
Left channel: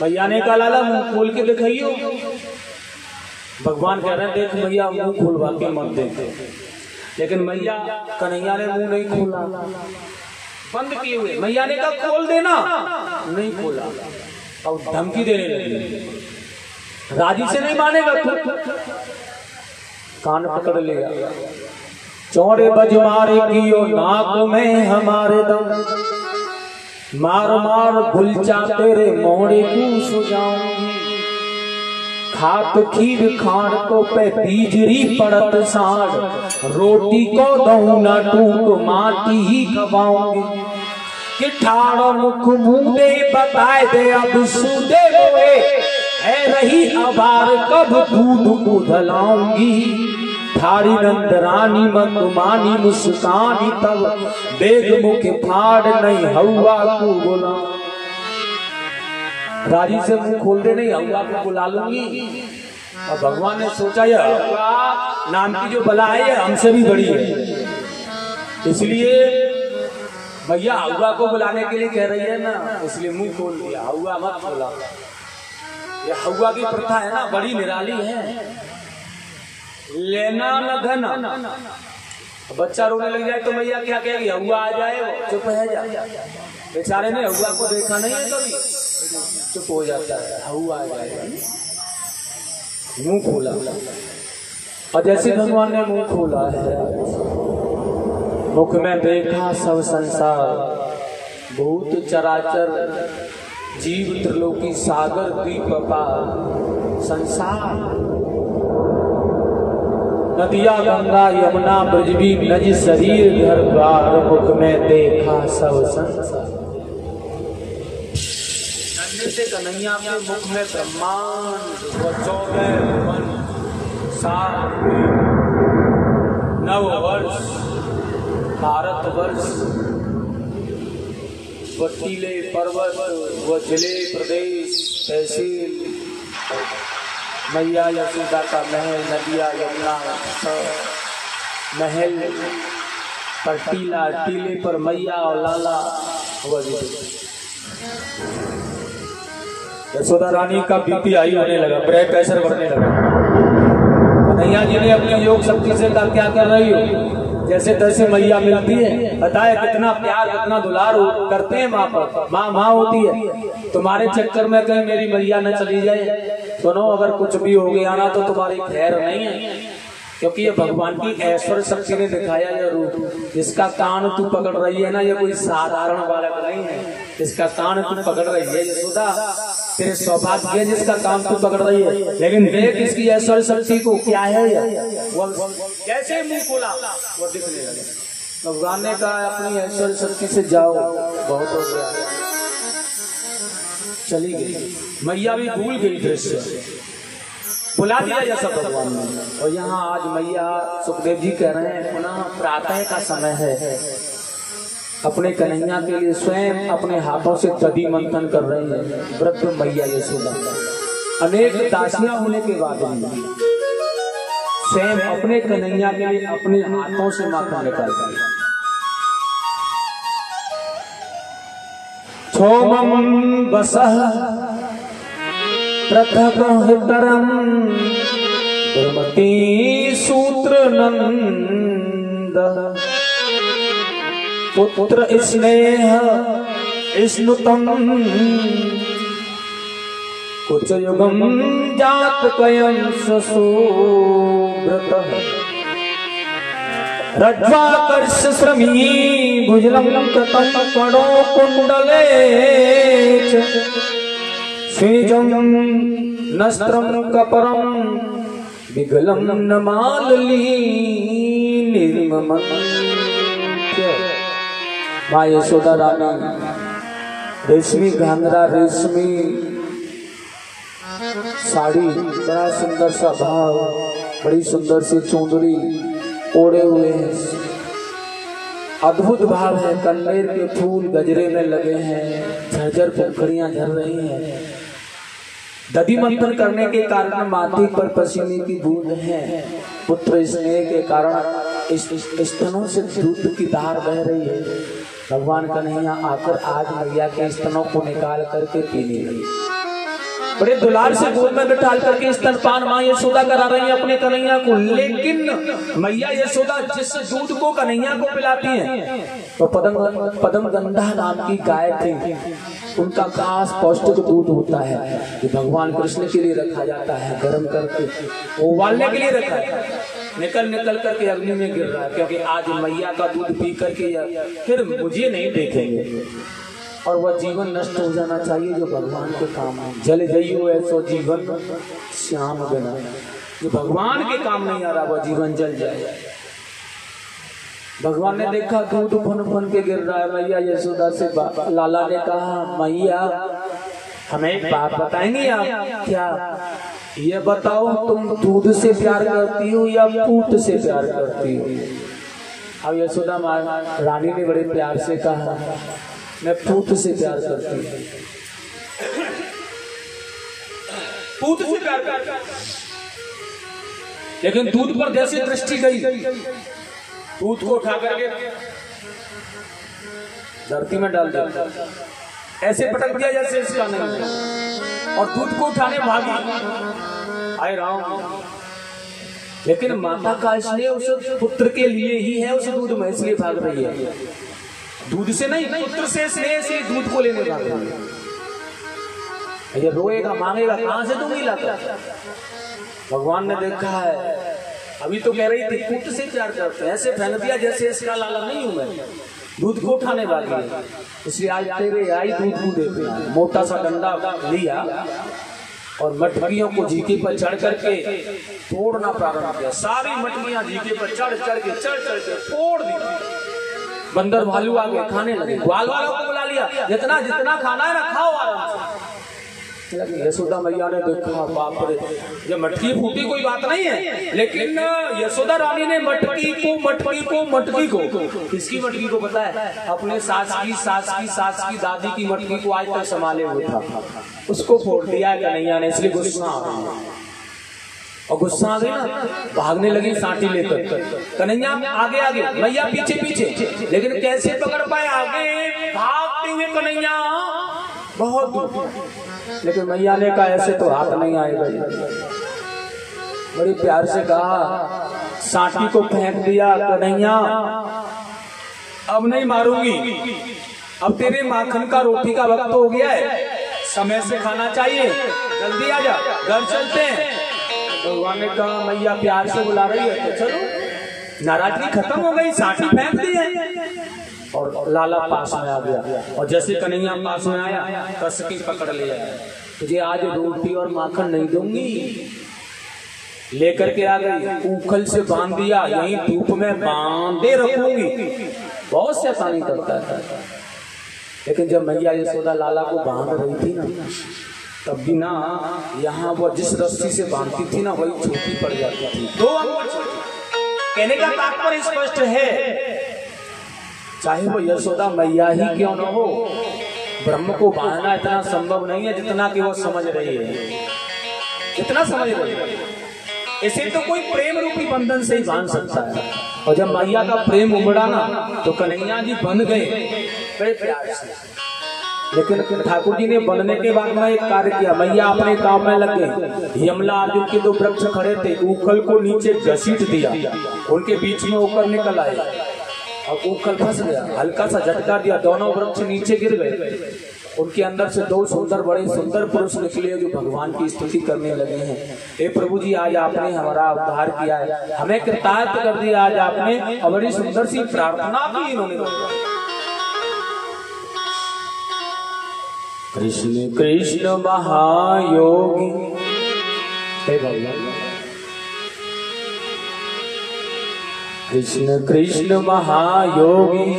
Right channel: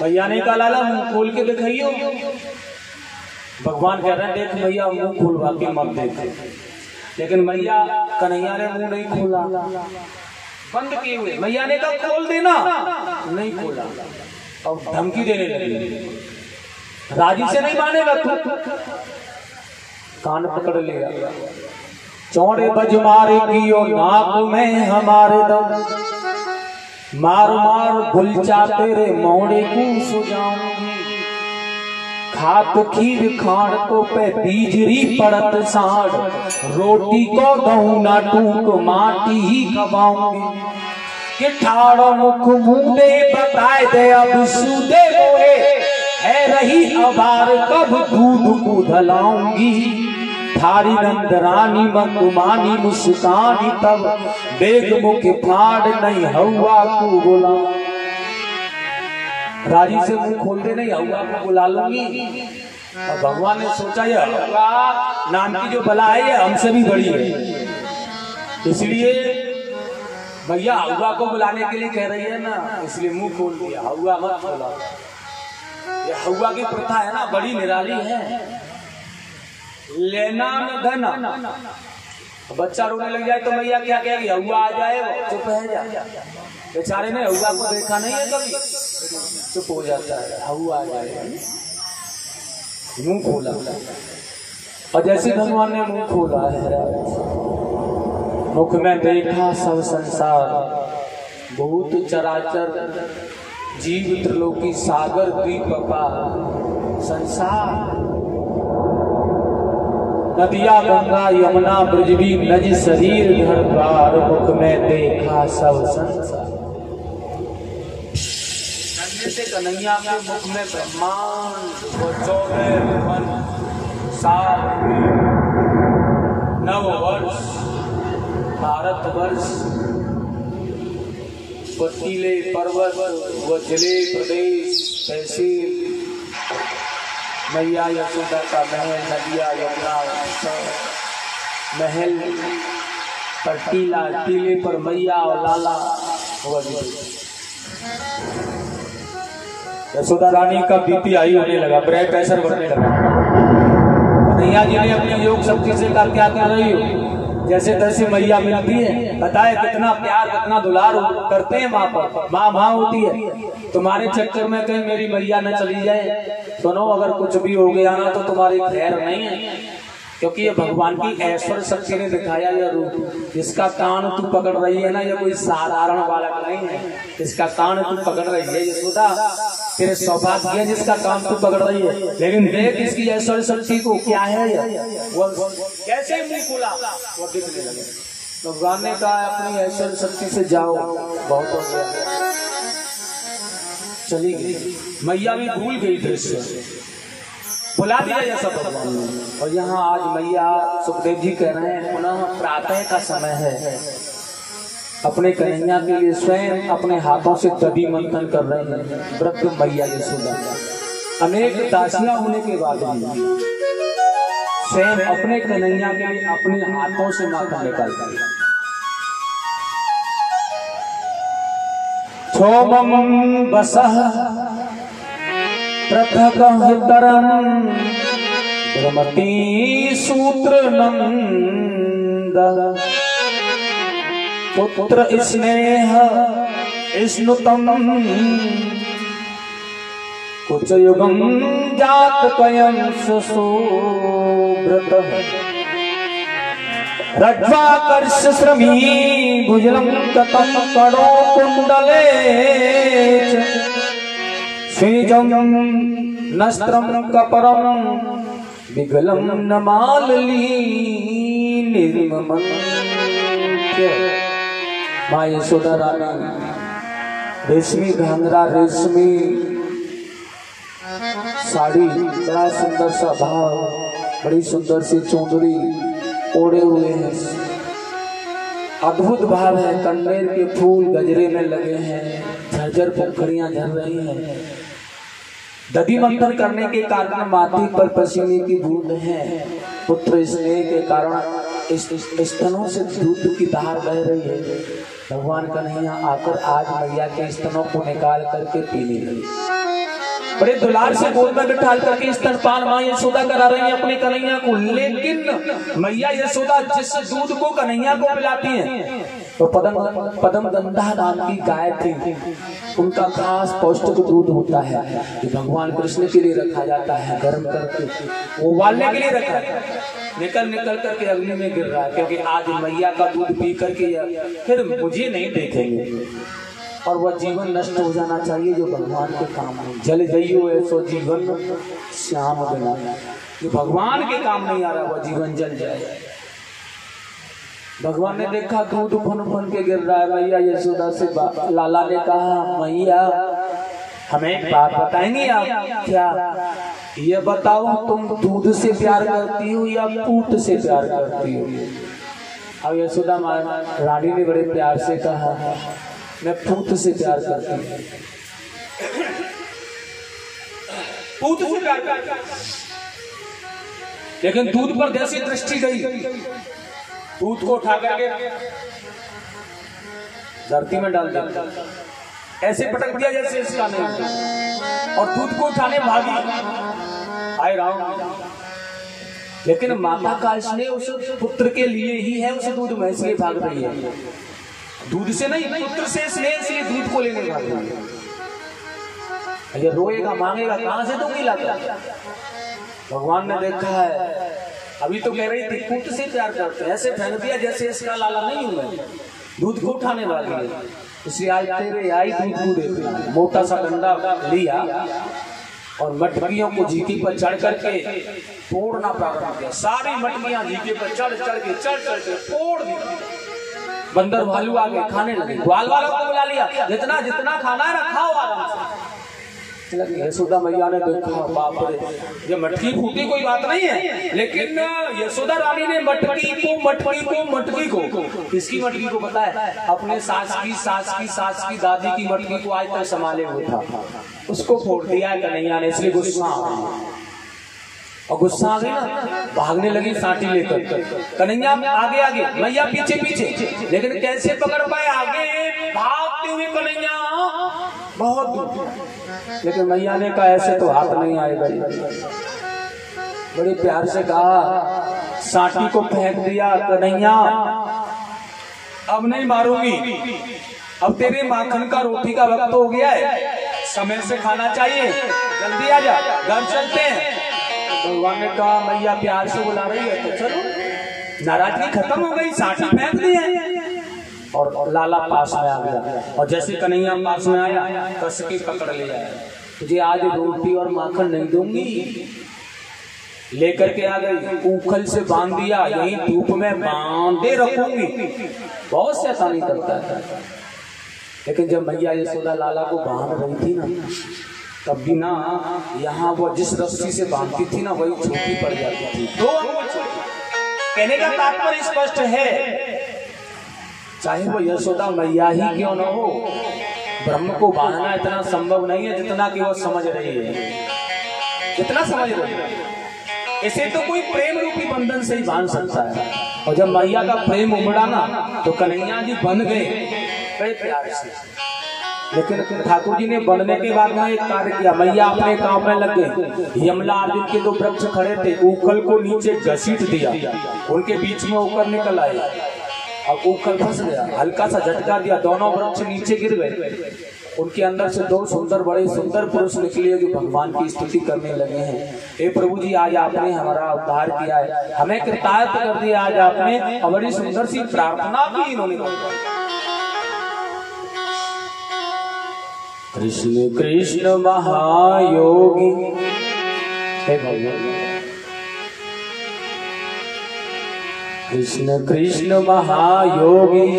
भैया ने कहा लाला मुंह खोल के दिखाइयो। भगवान कह रहे हैं देख मैया मुंह खुलवा के मत देते। लेकिन मैया कन्हैया ने मुंह नहीं खोला, बंद किए हुए। मैया ने कहा खोल देना, नहीं खोला। अब धमकी देने लगी, राजी से नहीं मानेगा तू। कान पकड़ लिया, चौड़े बज मारे की ओ नाक में हमारे दम, मार मार गुलचा तेरे मोड़े को सुजाऊंगी। खात खीर खाड़ को पे बीजरी पड़त साड़, रोटी को दहू ना टूट माटी ही खवाऊंगी। कि ठाड़ो मुख मुंडे बताए दे अब सूदे गोए, है रही अबार कब दूध को धलाऊंगी। थारी नंदरानी मंदुमानी मुस्कानी तब, बेग मुख फाड़ नहीं हवा को बुला। राजी से मुंह खोल दे, नहीं हवा को बुला लूंगी। और भगवान ने सोचा ये हवा नाम की जो बला है ये हमसे भी बड़ी है, इसलिए भैया हवा को बुलाने के लिए कह रही है ना, इसलिए मुंह खोल दिया। हवा मत बुला, ये हवा की प्रथा है ना, बड़ी निराली है। लेना न धन, बच्चा रोने लग जाए तो मैया क्या कहेगी, हवा आ जाए चुप है जा। बेचारे ने हवा को देखा नहीं है कभी, चुप हो जाता है। हवा आ जाए, मुंह खोला। और जैसे भगवान ने मुंह खोला है, मुख में देखा सब संसार, भूत चराचर जीव त्रिलोकी सागर द्वीप अपार संसार। नदिया गंगा यमुना ब्रजबी नज शरीर घर द्वार, मुख में देखा सब संसार। नन्हे से कन्हैया के मुख में ब्रह्मांड व 14 साल 9 वर्ष भारतवर्ष, टीले पर्वत व जिले प्रदेश तहसील, मैया यशोदा का महल, नदिया यमुना महल पर टीला, टीले पर मैया और लाला हुआ। यशोदा रानी का बीपी हाई होने लगा, ब्लड प्रेशर बढ़ने लगा। कन्हैया जी ने अपने योग शक्ति से कहा क्या कर रही हो? जैसे तैसे मैया मिलती है, बताए कितना प्यार कितना दुलार करते हैं माँ पर। माँ होती है, तुम्हारे चक्कर में कहीं मेरी मैया न चली जाए। सुनो अगर कुछ भी हो गया ना तो तुम्हारी खैर नहीं है, क्योंकि ये भगवान की ऐश्वर्य शक्ति ने दिखाया यह रूप। जिसका कान तू पकड़ रही है ना, ये कोई साधारण बालक नहीं है, इसका कान तू पकड़ रही है यशोदा, तेरे सौभाग्य है जिसका कान तू पकड़ रही है। लेकिन देख इसकी ऐश्वर्य शक्ति को, क्या है वो कैसे मुंह खोला वो दिखने लगे। भगवान ने कहा अपनी ऐश्वर्य शक्ति से जाओ, बहुत हो गया, चली गई। मैया भी भूल गई दृश्य, बुला दिया जैसा भगवान ने। और यहाँ आज मैया सुखदेव जी कह रहे हैं पुनः प्रातः का समय है, अपने कन्हैया के लिए स्वयं अपने हाथों से दधी मंथन कर रहे हैं वृद्ध मैया यशोदा। अनेक दासियां होने के बाद भी स्वयं अपने कन्हैया के लिए अपने हाथों से माखन निकालती है। छोमम बसह पृथगहितरं दुर्मति सूत्र नंद पुत्र स्नेह स्नुतम कुछ युगम जात कयं सुब्रत रज्ज्वाकर्ष श्रमी भुजलं कतं कणो कुंडले स्वेजं नस्त्रं कपरं विगलं नमालली निर्ममं माँ यशोदा रानी रेशमी घाघरा रेशमी साड़ी बड़ा सुंदर सा भाव बड़ी सुंदर सी चुंदरी ओढ़े हुए हैं। अद्भुत भाव है। कन्नेर के फूल गजरे में लगे हैं। झरझर पंखुड़ियां झर रही हैं। दधि मंथन करने के कारण माथे पर पसीने की बूंद है। पुत्र स्नेह के कारण इस स्तनों से दूध की धार बह रही है। भगवान कन्हैया आकर आज मैया के स्तनों को निकाल करके पीने लगे। बड़े दुलार से गोद में बिठा करके स्तनपान माँ यशोदा करा रही है अपने कन्हैया को। लेकिन मैया यशोदा जिस दूध को कन्हैया को पिलाती हैं तो पदम गंधा नाम की गाय थी। उनका खास पौष्टिक दूध होता है कि भगवान कृष्ण के लिए रखा जाता है। गर्म करके उबालने के लिए रखा है। निकल करके अग्नि में गिर रहा है क्योंकि आज मैया का दूध पी करके फिर मुझे नहीं देखेंगे और वह जीवन नष्ट हो जाना चाहिए जो भगवान के काम है। जल जइयो ऐसो जीवन श्याम बिना, जो भगवान के काम नहीं आ रहा वह जीवन जल जाए। भगवान ने देखा दूध फन फन के गिर रहा है। मैया यशोदा से लाला ने कहा मैया हमें एक बात बताएंगे आप क्या? ये बताओ तुम दूध से प्यार करती हो या पूत से प्यार करती हो? अब यशोदा रानी ने बड़े प्यार से कहा मैं पूत से प्यार करती हूँ। पूत से प्यार करती हूँ। लेकिन दूध पर जैसी दृष्टि गई दूध को उठा करके धरती में डाल दिया, ऐसे पटक दिया जैसे इसका नहीं, और दूध को उठाने भागी। आए राम, लेकिन माता का स्नेह उस पुत्र के लिए ही है। उस दूध में इसलिए भाग रही है, दूध से नहीं, पुत्र से स्नेह से दूध को लेने भाग रही है। ये रोएगा मांगेगा कहां से दूंगी लाकर? भगवान ने देखा है अभी तो कह रही थी पुत्र से प्यार करते, ऐसे फेंक दिया जैसे इसका लाला नहीं हूं मैं, दूध को उठाने वाली है। इसलिए आज तेरे आई दूध को देखना। मोटा सा डंडा लिया और मटकियों को झीके पर चढ़ करके तोड़ना प्रारंभ किया। सारी मटकियां झीके पर चढ़ के तोड़ दी। बंदर भालू आ गए, खाने लगे। ग्वाल वालों को बुला लिया, जितना जितना खाना है ना खाओ आराम से। यशोदा मैया ने देखा बाप रे, ये मटकी फूटी कोई बात नहीं है, लेकिन यशोदा रानी ने मटकी को किसकी मटकी को पता है? अपने सास की दादी की मटकी को आज तक संभाले हुए था, उसको फोड़ दिया है कन्हैया ने। इसलिए गुस्सा आ गया, और गुस्सा आ गई ना भागने लगी साटी लेकर। कन्हैया आगे मैया पीछे, लेकिन कैसे पकड़ पाए? आगे भागते हुए कन्हैया बहुत दूर, लेकिन मैया ने कहा ऐसे तो हाथ नहीं आएगा। बड़ी प्यार से कहा, साटी को फेंक दिया। कन्हैया अब नहीं मारूंगी, अब तेरे माखन का रोटी का वक्त हो गया है, समय से खाना चाहिए, जल्दी आ जा, घर चलते हैं। भगवान ने कहा मैया प्यार से बुला रही है तो चलो। नाराजगी खत्म हो गई, साटी फेंक दी है और लाला पास में आ गया। और जैसे कन्हैया पास में आया कस के पकड़ लिया, तुझे आज रोटी और माखन नहीं दूंगी। लेकर के आ गई, ऊखल से बांध दिया, यहीं धूप में बांधे रखूंगी। बहुत शैतानी करता था। लेकिन जब मैया यशोदा लाला को बांध रही थी ना, तब भी ना यहाँ वो जिस रस्सी से बांधती थी ना वही छोटी पड़ जाती थी, 2 अंगुल छोटी। कहने का तात्पर्य स्पष्ट है, चाहे वो यशोदा मैया ही क्यों न हो, ब्रह्म को बांधना इतना संभव नहीं है जितना कि वो समझ रही है, जितना समझ रही है। इसे तो कोई प्रेम रूपी बंधन से ही बांध सकता है। और जब मैया का प्रेम उमड़ा ना तो कन्हैया जी बन गए बड़े प्यार से। लेकिन ठाकुर जी ने बनने के बाद में एक कार्य किया, मैया अपने काम में लग गए। यमला आदि के दो वृक्ष खड़े थे, उखल को नीचे घसीट दिया, उनके बीच में उखल निकल आए, अब उखल फंस गया, हल्का सा झटका दिया, दोनों वृक्ष नीचे गिर गए। उनके अंदर से दो सुंदर बड़े सुंदर पुरुष निकले जो भगवान की स्तुति करने लगे हैं। हे प्रभु जी, आज आपने हमारा उद्धार किया है, हमें कृतार्थ कर दिया आज आपने, और बड़ी सुंदर सी प्रार्थना की इन्होंने। कृष्ण कृष्ण महायोगी, हे भगवान कृष्ण कृष्ण महायोगी,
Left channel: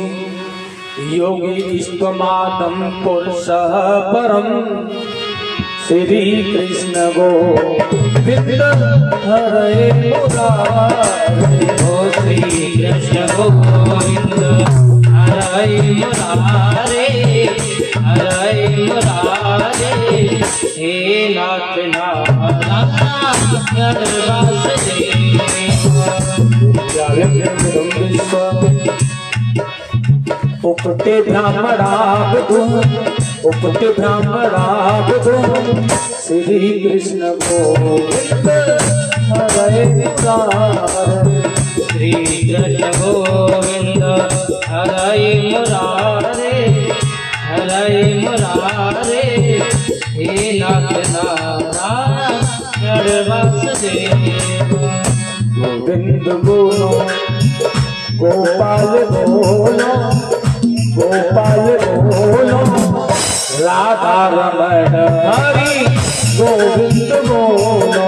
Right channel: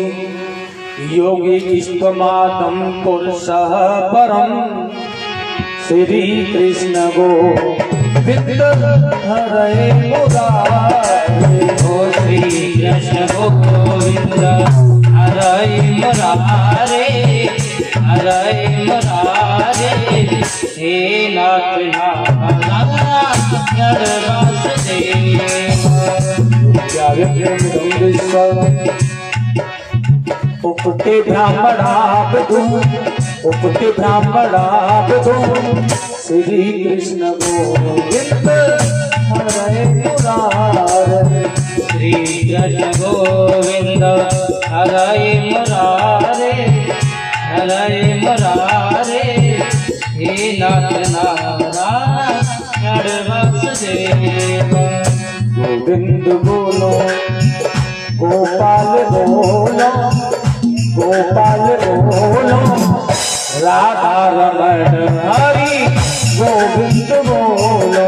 योगी इष्टमादम पुरुषः परम, श्री कृष्ण गोविंद हरे मुरारे, ओ श्री कृष्ण गोविंद हरे मुरारे, हरे मुरारे, हे नाथ नारायण वासुदेव। उपते ब्राह्मणावधू, उपते ब्राह्मणावधू, श्री कृष्ण गोविंद हरे मुरारे, श्री कृष्ण गोविंद हरे मुरारे, हरे मुरारे, हे नाथ नारायण वासुदेव। गोविंद बोलो गोपाल बोलो, गोपाल बोलो, राधा रमण हरि गोविंद बोलो,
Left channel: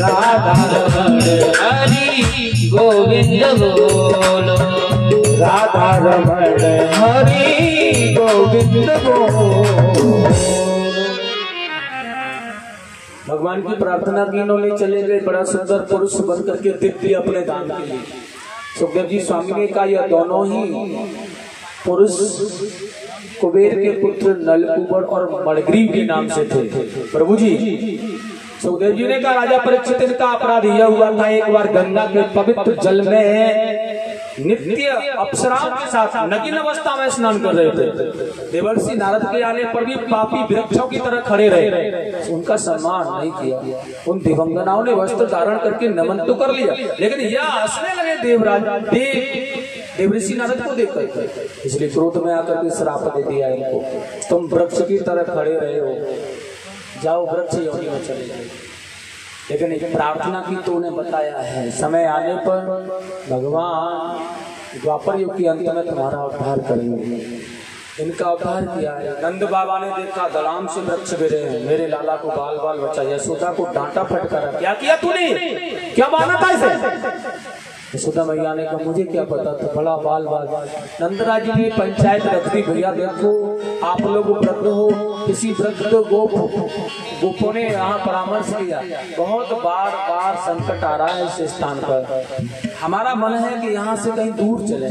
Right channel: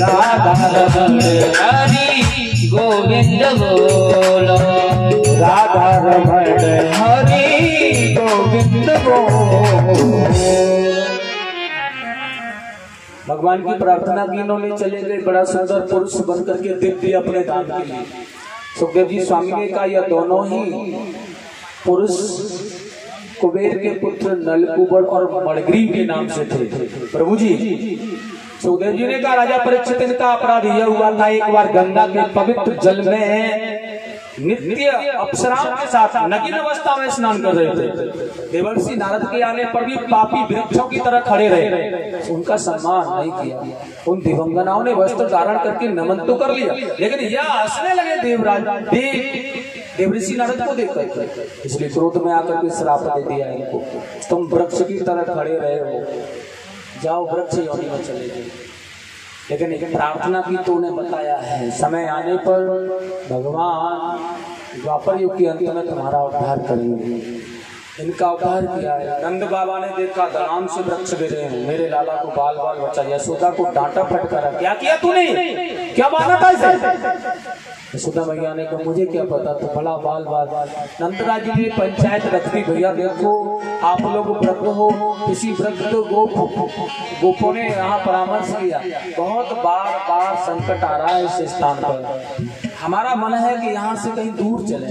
राधा रमण हरि गोविंद बोलो, राधा रमण हरि गोविंद बोलो। भगवान की प्रार्थना की इन्होंने चले गए, बड़ा सुंदर पुरुष बन करके दिव्य अपने दान के लिए। सुखदेव जी स्वामी ने कहा यह दोनों ही पुरुष कुबेर के पुत्र नलकुबर और मणिग्रीव के नाम से थे। प्रभु जी सुखदेव जी ने कहा राजा परीक्षित, इनका अपराध यह हुआ था, एक बार गंगा के पवित्र जल में नित्य अप्सराओं के साथ नग्न अवस्था में स्नान कर रहे थे। देवर्षि नारद के आने पर भी पापी वृक्षों की तरह खड़े रहे, उनका सम्मान नहीं किया। उन दिवंगनाओं ने वस्त्र धारण करके नमन तो कर लिया, लेकिन यह हंसने लगे देवराज देवर्षि नारद को देखकर, इसलिए क्रोध में आकर के श्राप दे दिया इनको, तुम वृक्ष की तरह खड़े रहे हो, जाओ वृक्ष योनि में चले गए। लेकिन एक प्रार्थना की तो उन्हें बताया है, समय आने पर भगवान द्वापर युग के अंत में तुम्हारा उद्धार करेंगे। इनका उद्धार किया है। नंद बाबा ने देखा दलाम से वृक्ष गिरे हैं, मेरे लाला को बाल बाल बचा, यशोदा को डांटा फटकारा, क्या किया तूने, क्या माना था इसे? यशोदा मैया ने कहा मुझे क्या पता था, बड़ा बाल बाल। नंदराज जी ने पंचायत रख दी, भैया देखो आप लोग वृद्ध हो, किसी वृद्ध गोपों ने यहाँ परामर्श किया, बहुत बार बार संकट आ रहा है इस स्थान पर, हमारा मन है कि यहाँ से कहीं दूर चले।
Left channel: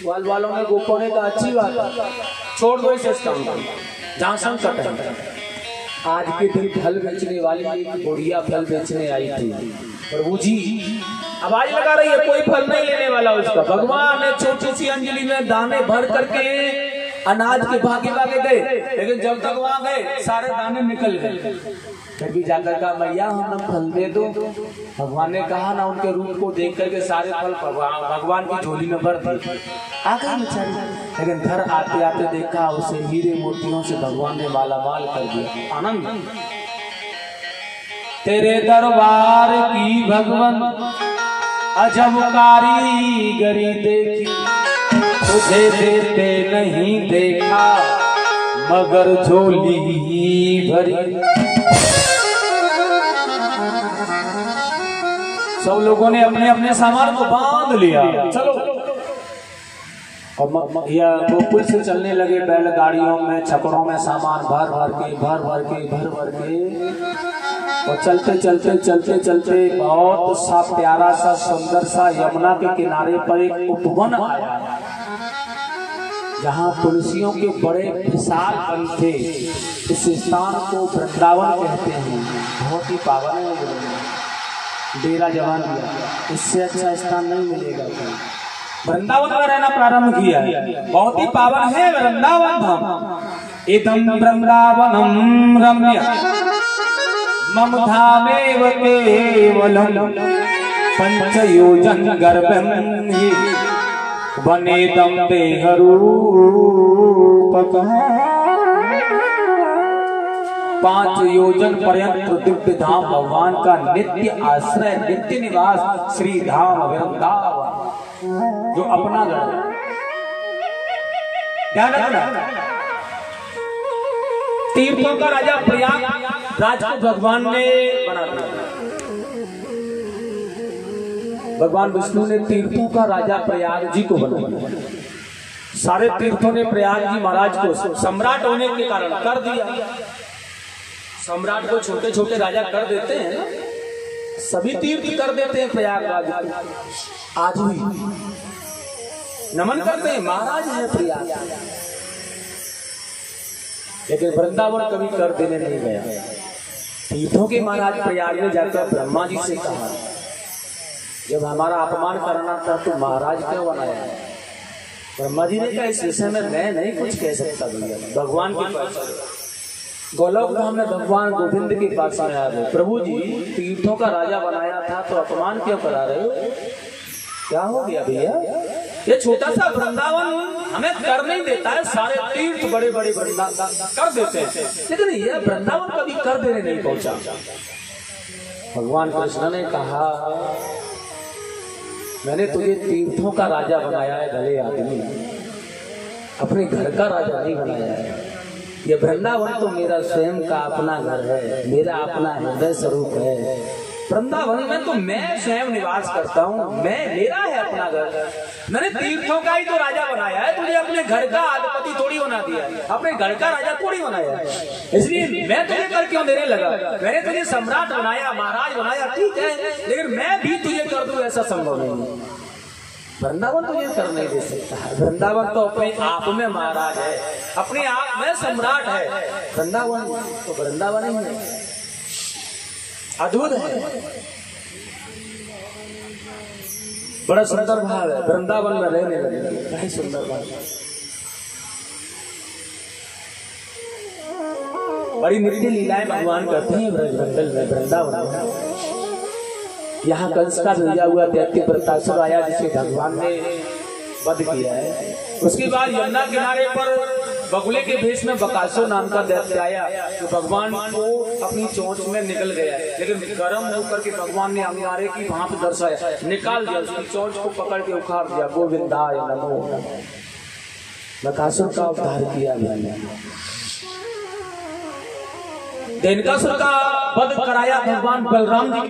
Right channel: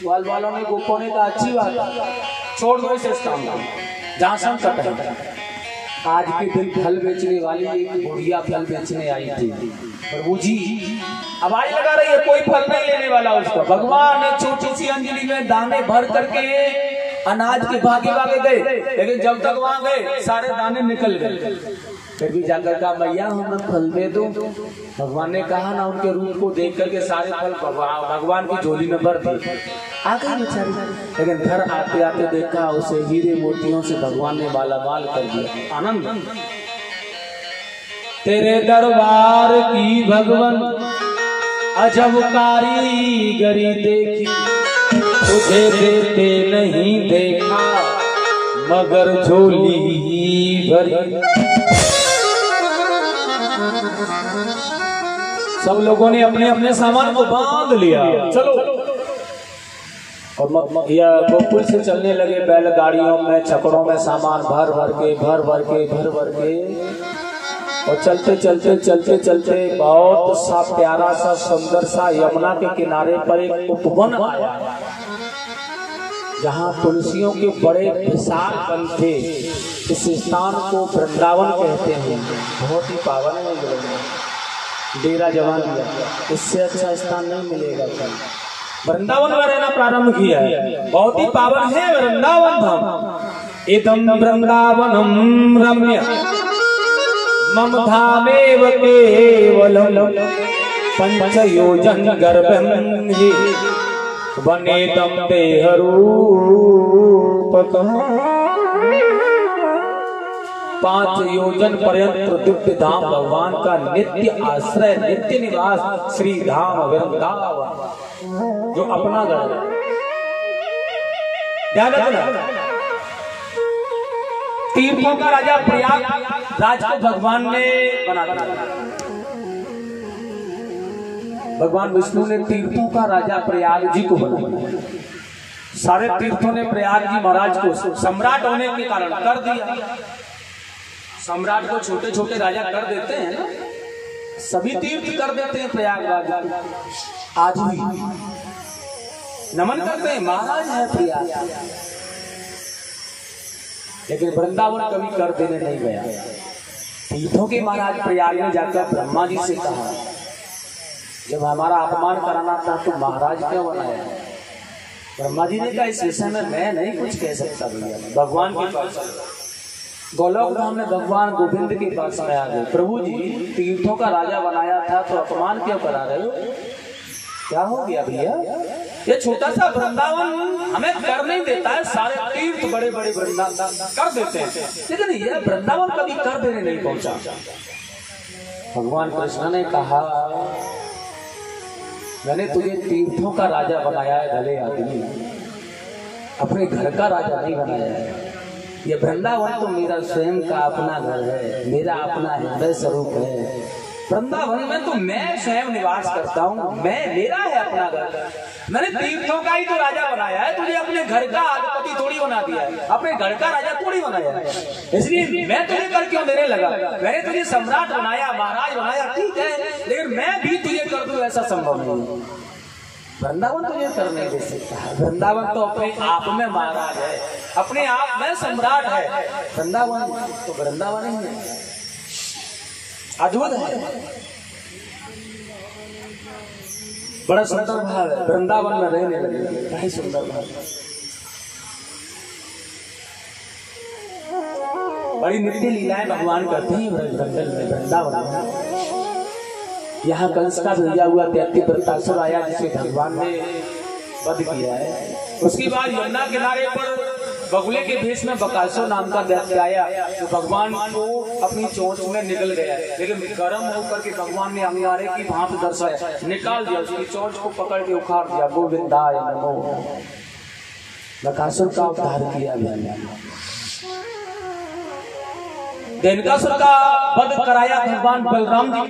बाल बालों ने गोपों ने कहा अच्छी बात है, छोड़ दो इस स्थान को जहाँ संकट है। आज के दिन फल बेचने वाली एक बुढ़िया फल बेचने आई थी। प्रभु जी आवाज लगा रही है, कोई फल नहीं लेने वाला उसका। भगवान ने छोटी सी अंजलि में दाने भर करके अनाज के भागे भागे गए, लेकिन जब तक वहां गए सारे दाने निकल गए। फिर भी जाकर कहा मैया हमें फल दे दो। भगवान ने कहा ना, उनके रूप को देख करके सारे फल भगवान की झोली में भर दिए। आ गई बेचारी, लेकिन घर आते आते देखा उसे हीरे मोतियों से भगवान ने मालामाल कर दिया। आनंद तेरे दरबार की भगवान अजब कारीगरी देखी, तुझे देते नहीं देखा मगर झोली भरी। सब लोगों ने अपने अपने सामान को बांध लिया, चलो। और यह गोकुल से चलने लगे बैलगाड़ियों में, छकड़ों में सामान भर भर के और चलते चलते चलते चलते बहुत सा प्यारा सा सुंदर सा यमुना के किनारे पर एक उपवन आया, जहाँ तुलसियों के बड़े विशाल वन थे। इस स्थान को वृंदावन कहते हैं, बहुत ही पावन है। डेरा जवान दिया, इससे अच्छा स्थान नहीं मिलेगा। वृंदावन में रहना प्रारंभ किया है, बहुत ही पावन है वृंदावन धाम। इदं वृंदावनं रम्य मम धामेव केवलं पंचयोजन गर्भं हि वनेदं देहरूपकः। 5 योजन पर्यंत दिव्य धाम भगवान का नित्य आश्रय, नित्य निवास श्री धाम वृंदावन, जो अपना घर है। ध्यान रखना, तीर्थों का राजा प्रयाग राज को भगवान ने बना दिया। भगवान विष्णु ने तीर्थों का राजा प्रयाग जी को बना दिया। सारे तीर्थों ने प्रयाग जी महाराज को सम्राट होने के कारण कर दिया। सम्राट को छोटे छोटे राजा कर देते हैं ना, सभी तीर्थ कर देते हैं प्रयागराज को। आज भी नमन करते हैं, महाराज है प्रयाग, लेकिन वृंदावन कभी कर देने नहीं गया। तीर्थों के महाराज प्रयाग में जाकर ब्रह्मा जी से कहा, जब हमारा अपमान कराना था तो महाराज क्यों बनाया? ब्रह्मा जी ने कहा, इस विषय में मैं नहीं कुछ कह सकता भैया, भगवान के पास गोलोक धाम में भगवान गोविंद के पास आया है। प्रभु जी, तीर्थों का राजा बनाया था तो अपमान क्यों करा रहे हो? क्या हो गया भैया? ये छोटा सा वृंदावन हमें कर नहीं देता है, सारे तीर्थ बड़े बड़े वृंदावन कर देते हैं, लेकिन ये वृंदावन कभी कर देने नहीं पहुंचा। भगवान कृष्ण ने कहा, मैंने तुझे तीर्थों का राजा बनाया है भले आदमी, अपने घर का राजा नहीं बनाया है। ये वृंदावन तो मेरा स्वयं का अपना घर है, मेरा अपना हृदय स्वरूप है। वृंदावन में तो मैं स्वयं निवास करता हूँ, मैं, मेरा है अपना घर। मैंने तीर्थों का ही तो राजा बनाया है, तुझे अपने घर का अधिपति थोड़ी बना दिया है, अपने घर का राजा थोड़ी बनाया है। इसलिए मैं तुझे कर क्यों देने लगा? मैंने तुझे सम्राट बनाया, महाराज बनाया, ठीक है, लेकिन मैं भी तुझे कर दूं ऐसा संभव नहीं। वृंदावन तुझे कर नहीं दे सकता। वृंदावन तो अपने आप में महाराज है, अपने आप में सम्राट है। वृंदावन तो वृंदावन ही है, अद्भुत है, बड़ा सुंदर भाव है। वृंदावन में रहने लगे, क्या सुंदर भाव, बड़ी नित्य लीलाएं भगवान करते हैं वृंदावन में। यहाँ कंस का भेजा हुआ दैत्य वृत्तासुर आया, जिसे भगवान ने वध किया है। उसके बाद यमुना किनारे पर बगुले के भेष में बकासुर नाम का दैत्य आया, तो भगवान को अपनी चोंच में निकल गया, लेकिन गर्म होकर के भगवान ने अंगारे की भांति दर्शाया, निकाल दिया, उसकी चोंच को पकड़ के उखाड़ दिया। गोविंदाय नमो, बकासुर का उद्धार किया गया। देनकासुर का वध कराया भगवान बलराम जी।